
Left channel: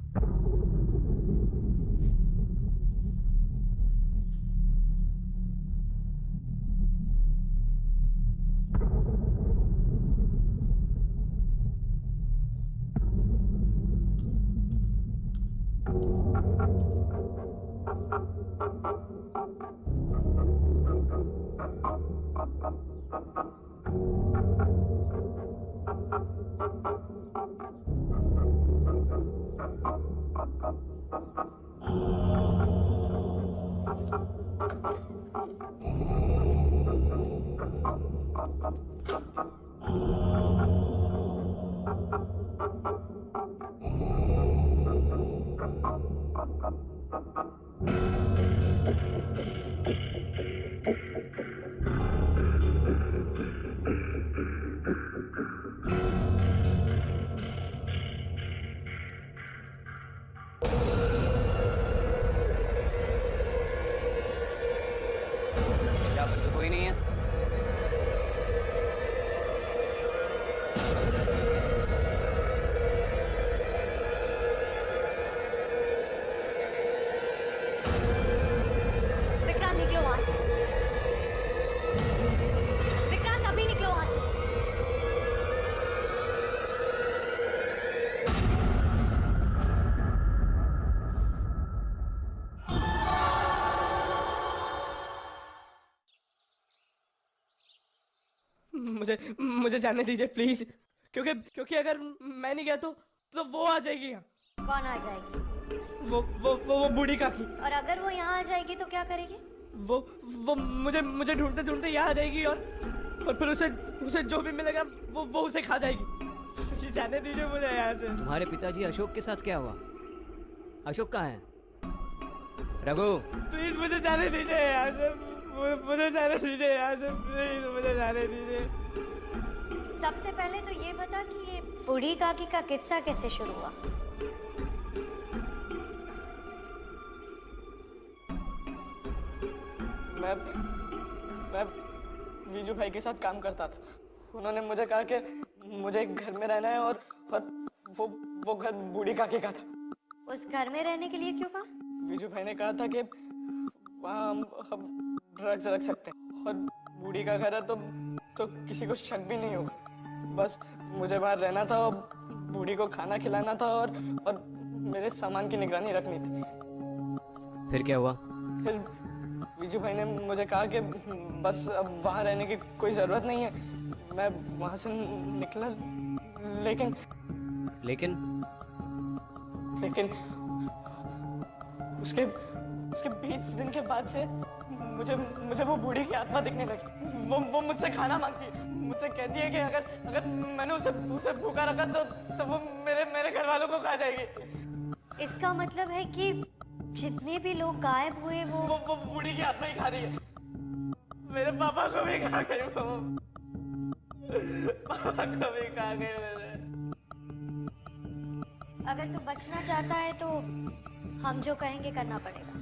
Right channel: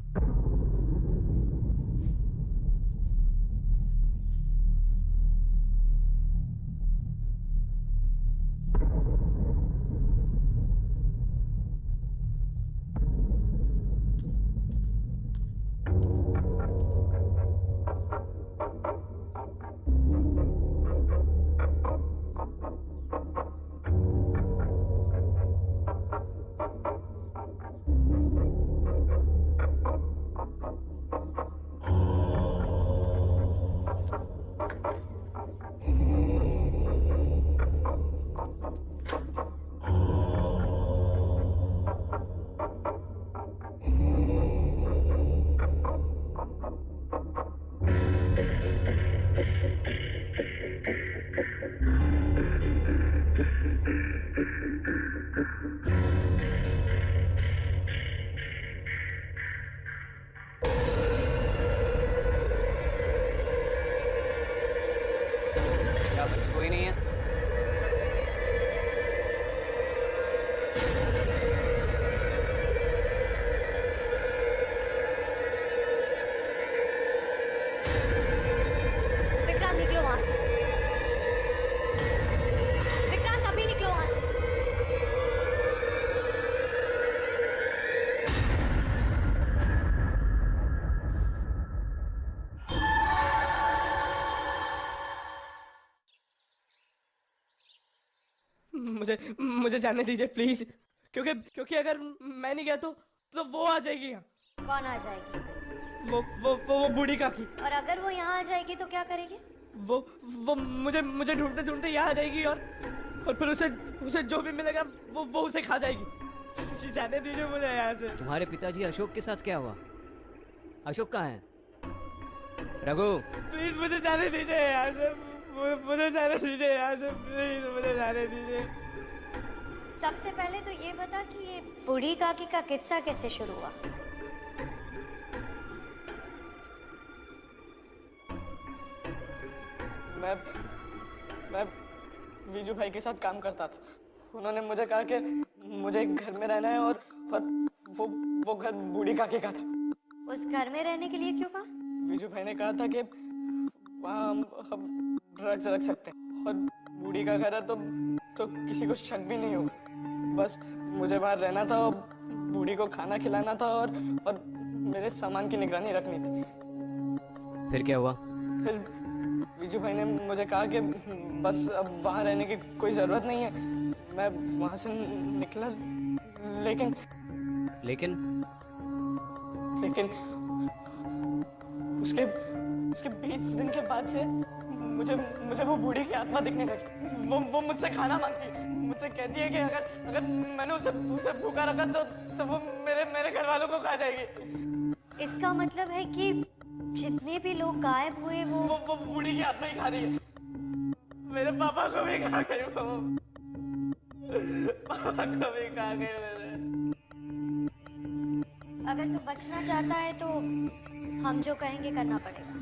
कोई नहीं है? विक्रांत निकलो वहां से। विक्रांत अभी निकलो वहां से। मुझे जाने दीजिए प्लीज, क्योंकि अगर मैं नहीं गया तो वो आ जाएगी यहाँ। कौन आ जाएगी? वो बूढ़ी काकी। और अगर वो यहाँ आ जाएगी तो क्या करेगी? वो मुझे ढूंढते ढूंढते यहाँ आ जाएगी और फिर उसे जो भी मिलेगा वो उसे खा जाएगी। जाने दीजिए मुझे यहाँ से। तुम्हारे पिताजी अशोक के साथ क्या हुआ? अशोक कहाँ है? रघु, प्लीज मुझे जाने दीजिए यहाँ से, मुझे जाने दीजिए यहाँ से, प्लीज मुझे जाने दीजिए। सबसे पहले तो ये बता कि ये बूढ़ी काकी का किस्सा कैसे शुरू हुआ? मैं वीजू भाई के साथ काम करता था। उन्होंने मुझे कहा कि मुझे एक घर में रहना है और वो घर बूढ़ी काकी का था। उस घर में रहने के लिए क्यों कहा? वीजू भाई ने कहा था कि वहाँ हम ड्रग्स रख सकते हैं और बूढ़ी का घर है तो किसी को शक भी नहीं होगा। बस मुझे वहाँ रहना था और बूढ़ी को खाना खिलाना था और मेरे सामान की निगरानी रखनी थी। फिर क्या हुआ? फिर वीजू भाई ने मुझे कहा कि बस अब वहाँ रहने की कोई ज़रूरत नहीं है। मैं वहाँ से निकला, लेकिन उसके 20 दिन के बाद से मुझे वो बूढ़ी की आत्मा दिखने लगी। वो मुझसे खाना मांगती है, मुझसे कहती है कि अगर मैंने उसे भूखा रखा तो वो मेरे घर वालों को खा जाएगी। इसका मतलब है कि जितने भी लोग गायब हुए वो बूढ़ी की आत्मा ही खा रही है। मेरे पापा को भी खा गई वो, पापा को भी खा गई मेरे। अगर तू बचना चाहता है तो हम जो कहेंगे करना पड़ेगा।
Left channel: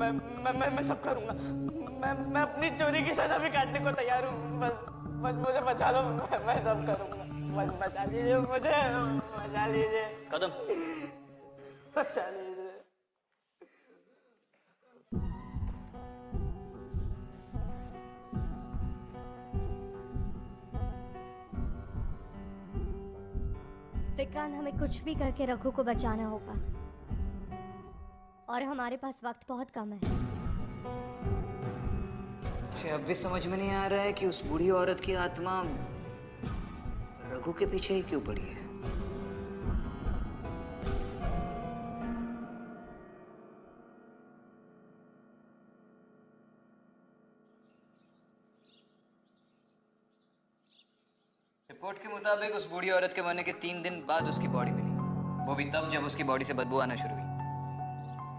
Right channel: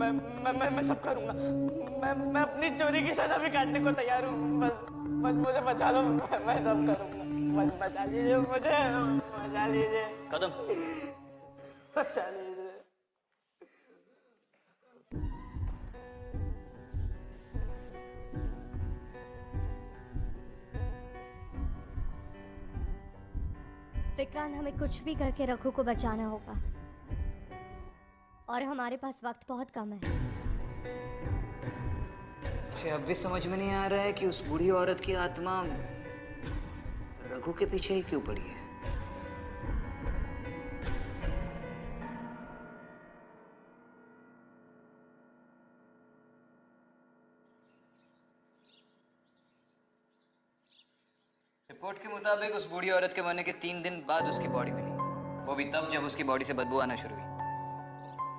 मैं सब करूंगा। मैं अपनी चोरी की सजा भी काटने को तैयार हूँ। बस मुझे बचा लो, मैं सब करूंगा। बस बचा लीजिए मुझे, बचा लीजिए। कदम, बचा लीजिए। विक्रांत, हमें कुछ भी करके रघु को बचाना होगा और हमारे पास वक्त बहुत कम है। मुझे अब भी समझ में नहीं आ रहा है कि उस बूढ़ी औरत की आत्मा रघु के पीछे ही क्यों पड़ी है। रिपोर्ट के मुताबिक उस बूढ़ी औरत के मरने के 3 दिन बाद उसकी बॉडी मिली, वो भी तब जब उसकी बॉडी से बदबू आना शुरू हुई।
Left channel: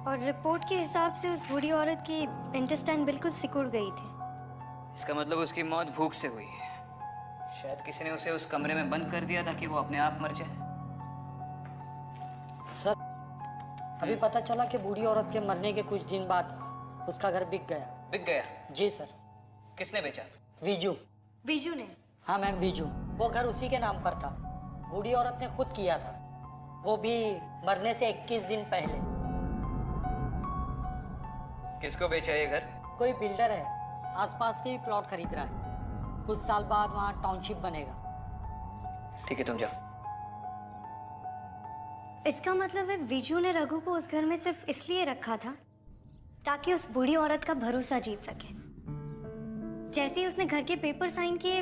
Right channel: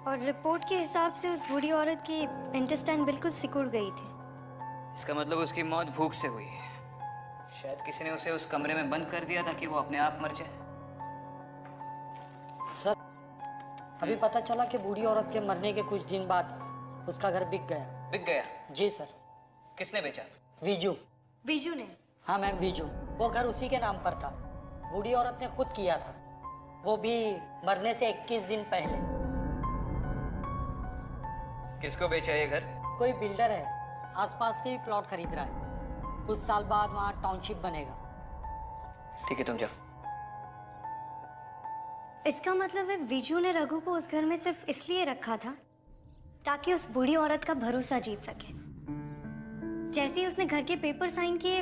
और रिपोर्ट के हिसाब से उस बूढ़ी औरत की इंटेस्टाइन बिल्कुल सिकुड़ गई थी। इसका मतलब उसकी मौत भूख से हुई है। शायद किसी ने उसे उस कमरे में बंद कर दिया ताकि वो अपने आप मर जाए। सर, अभी पता चला कि बूढ़ी औरत के मरने के कुछ दिन बाद उसका घर बिक गया। बिक गया? जी सर। किसने बेचा? वीजू। वीजू ने? हाँ मैम, वीजू। वो घर उसी के नाम पर था। बूढ़ी औरत ने खुद किया था, वो भी मरने से 21 दिन पहले। किसको बेचा ये घर? कोई बिल्डर है, आसपास के भी प्लॉट खरीद रहा है। कुछ साल बाद वहाँ टाउनशिप बनेगा। ठीक है, तुम जाओ। इसका मतलब है वीजू ने रघु को उस घर में सिर्फ इसलिए रखा था ताकि उस बूढ़ी औरत का भरोसा जीत सके। जैसे ही उसने घर के पेपर साइन किए,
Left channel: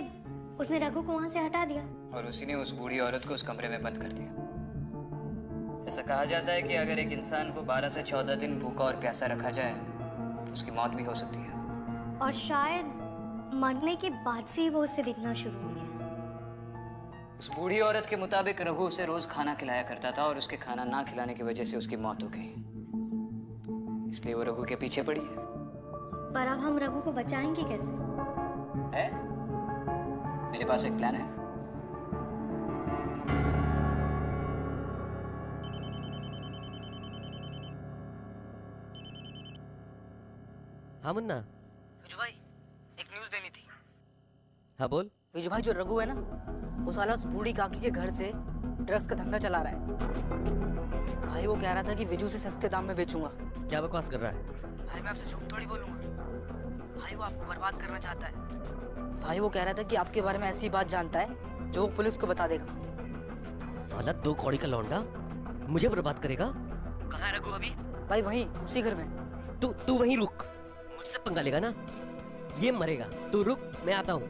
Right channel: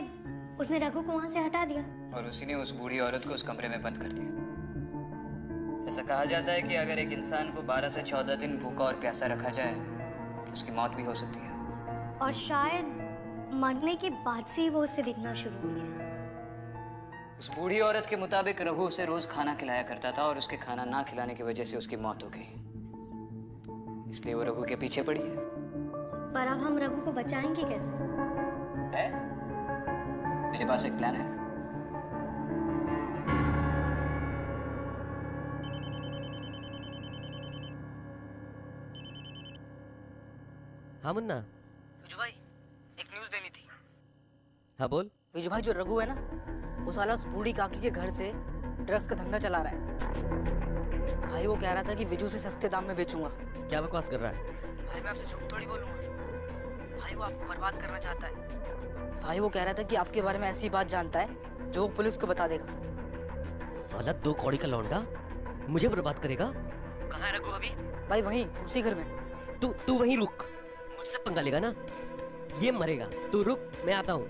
उसने रघु को वहां से हटा दिया और उसी ने उस बूढ़ी औरत को उस कमरे में बंद कर दिया। ऐसा कहा जाता है कि अगर एक इंसान को 12 से 14 दिन भूखा और प्यासा रखा जाए तो उसकी मौत भी हो सकती है। और शायद मरने के बाद से ही वो उसे दिखना शुरू हुई है। उस बूढ़ी औरत के मुताबिक रघु उसे रोज खाना खिलाया करता था और उसके खाना ना खिलाने की वजह से उसकी मौत हो गई, इसलिए वो रघु के पीछे पड़ी है। पर अब हम रघु को बचाएंगे कैसे? है? मेरे पास एक प्लान है। हाँ मुन्ना। विजू भाई एक न्यूज़ देनी थी। हाँ बोल। विजू भाई जो रघु है ना, वो साला उस बूढ़ी काकी के घर से ड्रग्स का धंधा चला रहा है। भाई वो कह रहा था कि विजू से सस्ते दाम में बेचूंगा। क्या बकवास कर रहा है? भाई मैं आपसे झूठ थोड़ी बोलूंगा। भाई वो आपको बर्बाद करना चाहता है। भाई वो कह रहा था कि आपके बारे में ऐसी बात जानता है जो वो पुलिस को बता देगा। साला 2 कौड़ी का लौंडा मुझे बर्बाद करेगा। कहाँ है रघु अभी? भाई वहीं उसी घर में। तू वहीं रुक, मुझसे पंगा लेगा ना ये मरेगा। तू रुक, मैं आता हूँ।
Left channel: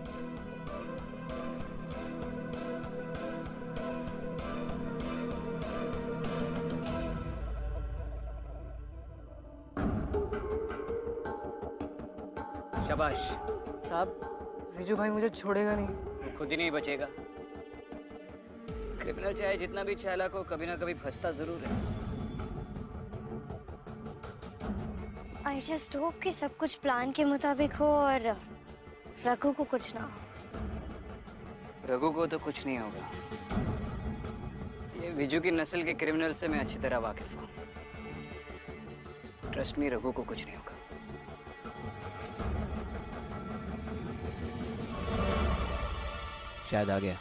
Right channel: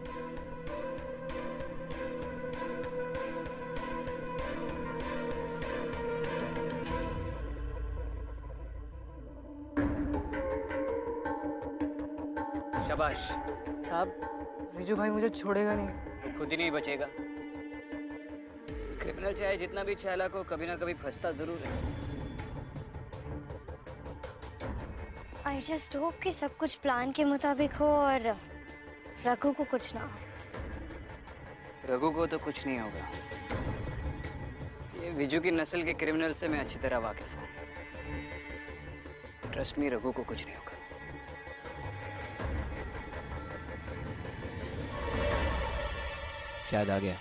शाबाश। साहब विजू भाई मुझे छोड़ेगा नहीं। वो खुद ही नहीं बचेगा। क्रिमिनल चाहे जितना भी चालाक हो, कभी ना कभी फंसता जरूर है। आई जस्ट होप कि सब कुछ प्लान के मुताबिक हो और रघु को कुछ ना हो। रघु को तो कुछ नहीं होगा। ये विजू की नस्ल के क्रिमिनल से मैं अच्छी तरह वाकिफ हूँ। ट्रस्ट मी, रघु को कुछ नहीं होगा। शायद आ गया।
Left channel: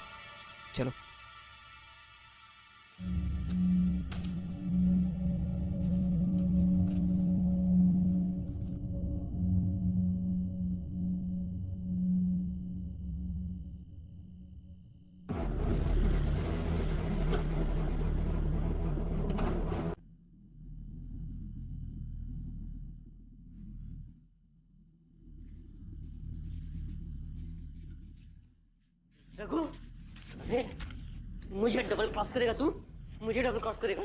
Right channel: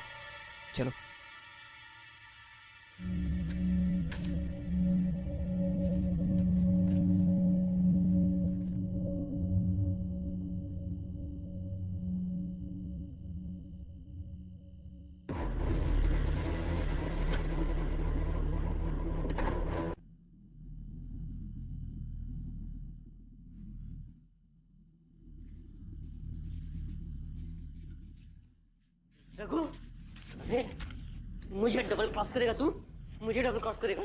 चलो। रघु, साले, मुझे डबल क्रॉस करेगा तू? मुझे डबल क्रॉस करेगा?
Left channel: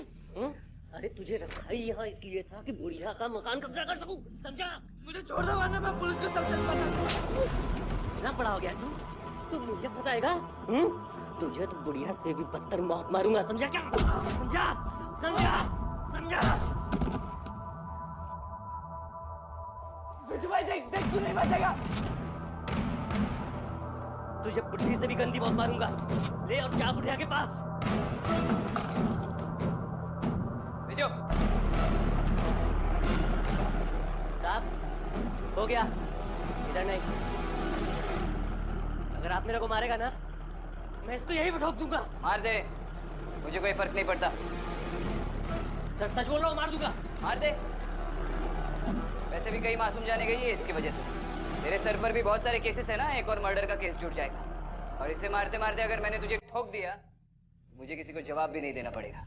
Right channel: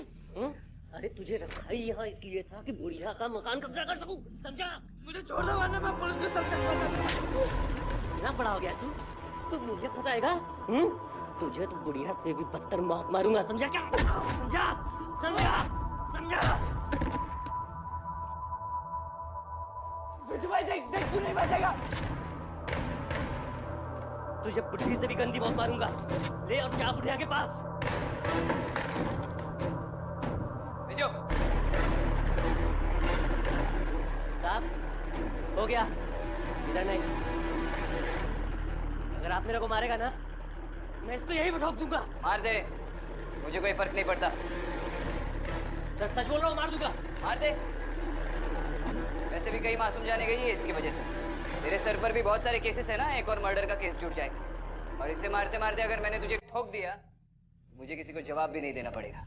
अरे तुझे रखा ही यहाँ इसलिए था कि बुढ़िया का मकान कब्जा कर सकूं, समझा? मुझे छोड़ दो वरना मैं पुलिस को सब सच बता दूंगा। इतना बड़ा हो गया तू मुझे फंसाएगा? तुझे तो बुढ़िया से भी बदतर मौत मारूंगा, समझा क्या? समझा? समझा? समझा? विजू भाई देख तू नहीं बचेगा। तुझे बुढ़ी से भी गंदी मौत मारूंगा। ले और जा बुढ़िया के पास। विजू। साहब हो गया, इधर नहीं। अगर आप मेरे को मारेगा ना, मैं इसको यही ठोक दूंगा। मार दे, मुझे कोई फर्क नहीं पड़ता। सर सच बोल रहा हूँ, मार दूंगा। मार दे। वैसे भी कई मासूम जाने गई है इसकी वजह से। तेरे सर पर भी बहुत सारे केसेस है ना, एक और मर्डर का केस जुड़ जाएगा। और इसे मारते मारते अगर मैंने तुझे ठोक दिया, मुझे किसी को जवाब भी नहीं देना पड़ेगा।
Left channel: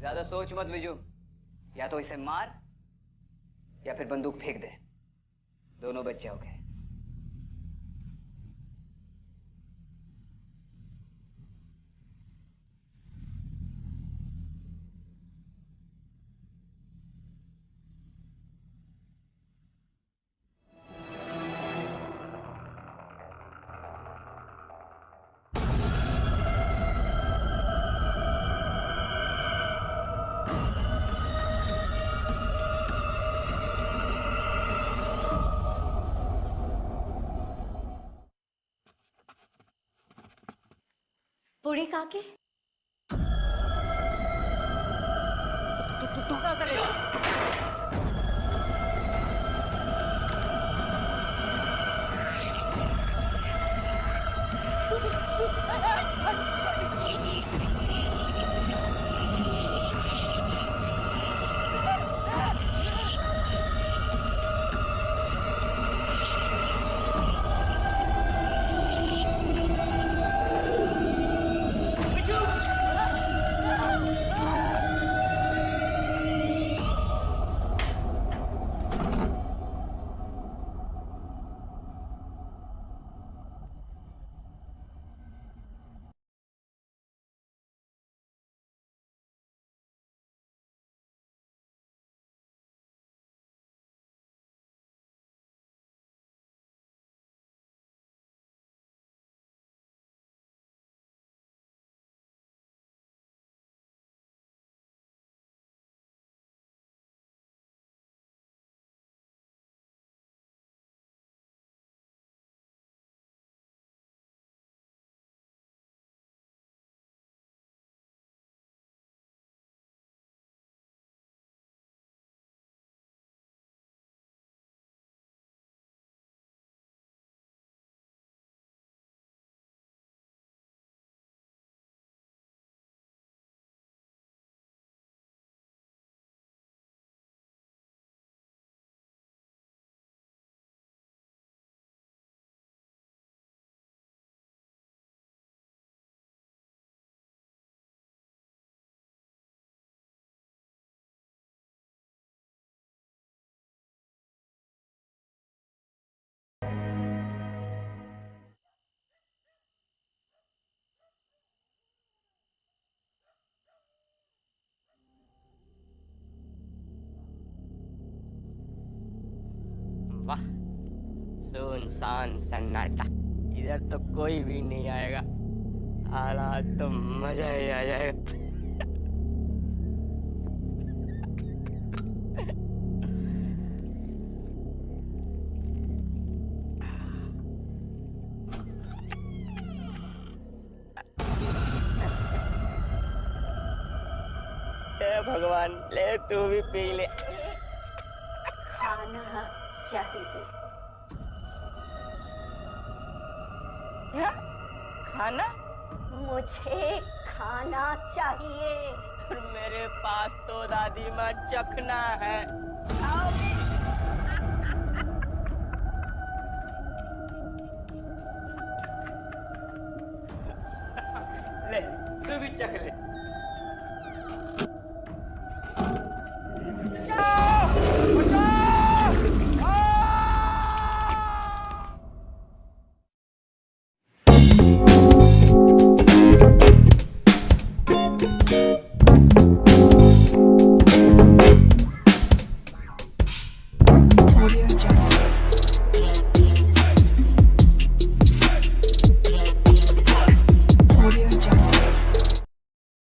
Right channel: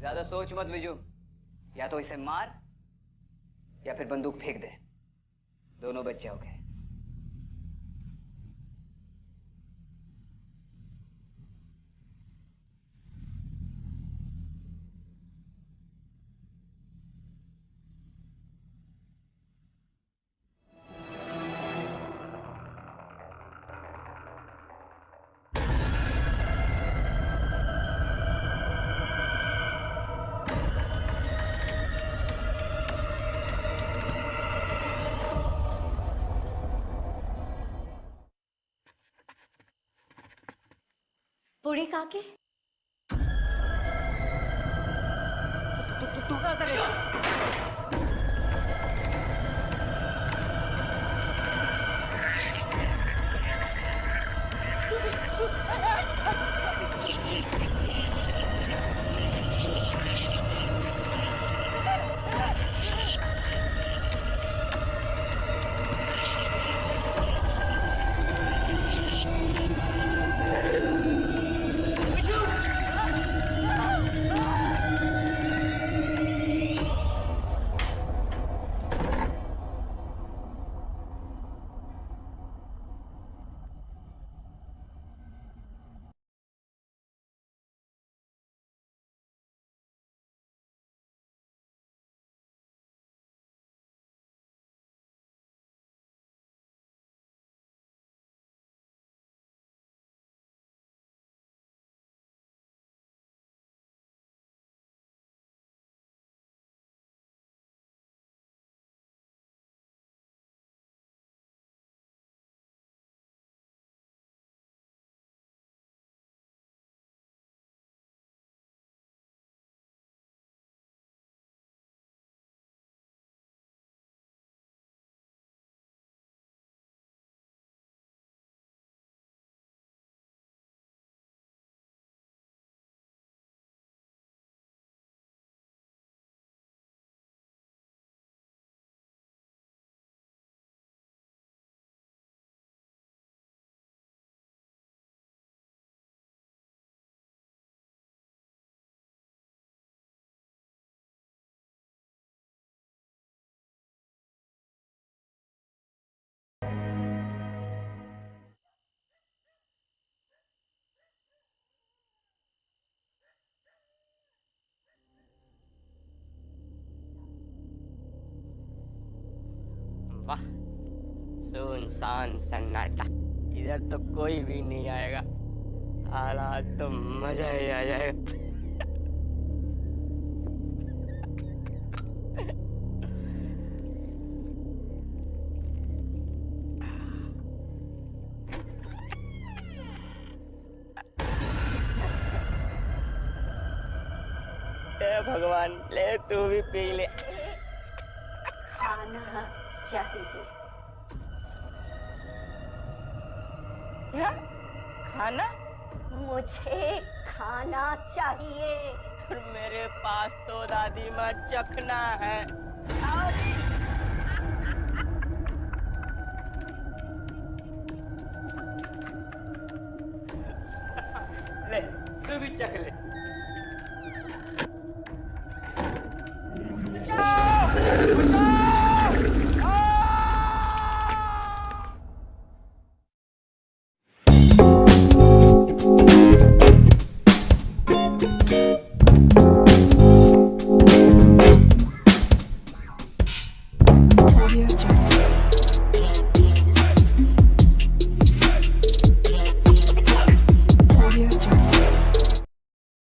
ज्यादा सोच मत विजू, या तो इसे मार या फिर बंदूक फेंक दे, दोनों बच जाओगे। बूढ़ी काके, तू कहाँ से गई? वाह, सुनसान सन्नाटा, इधर तो कोई भी नहीं आएगा। हालात तो मजा ही आ जाएगा। हे भगवान, ले तू भी पी ले। खाना चाहिए। क्या? खाना? मुझे खाना चाहिए। और मेरे पास तो दादी माँ चखना है। आओ जी। ले, तू भी चख ले।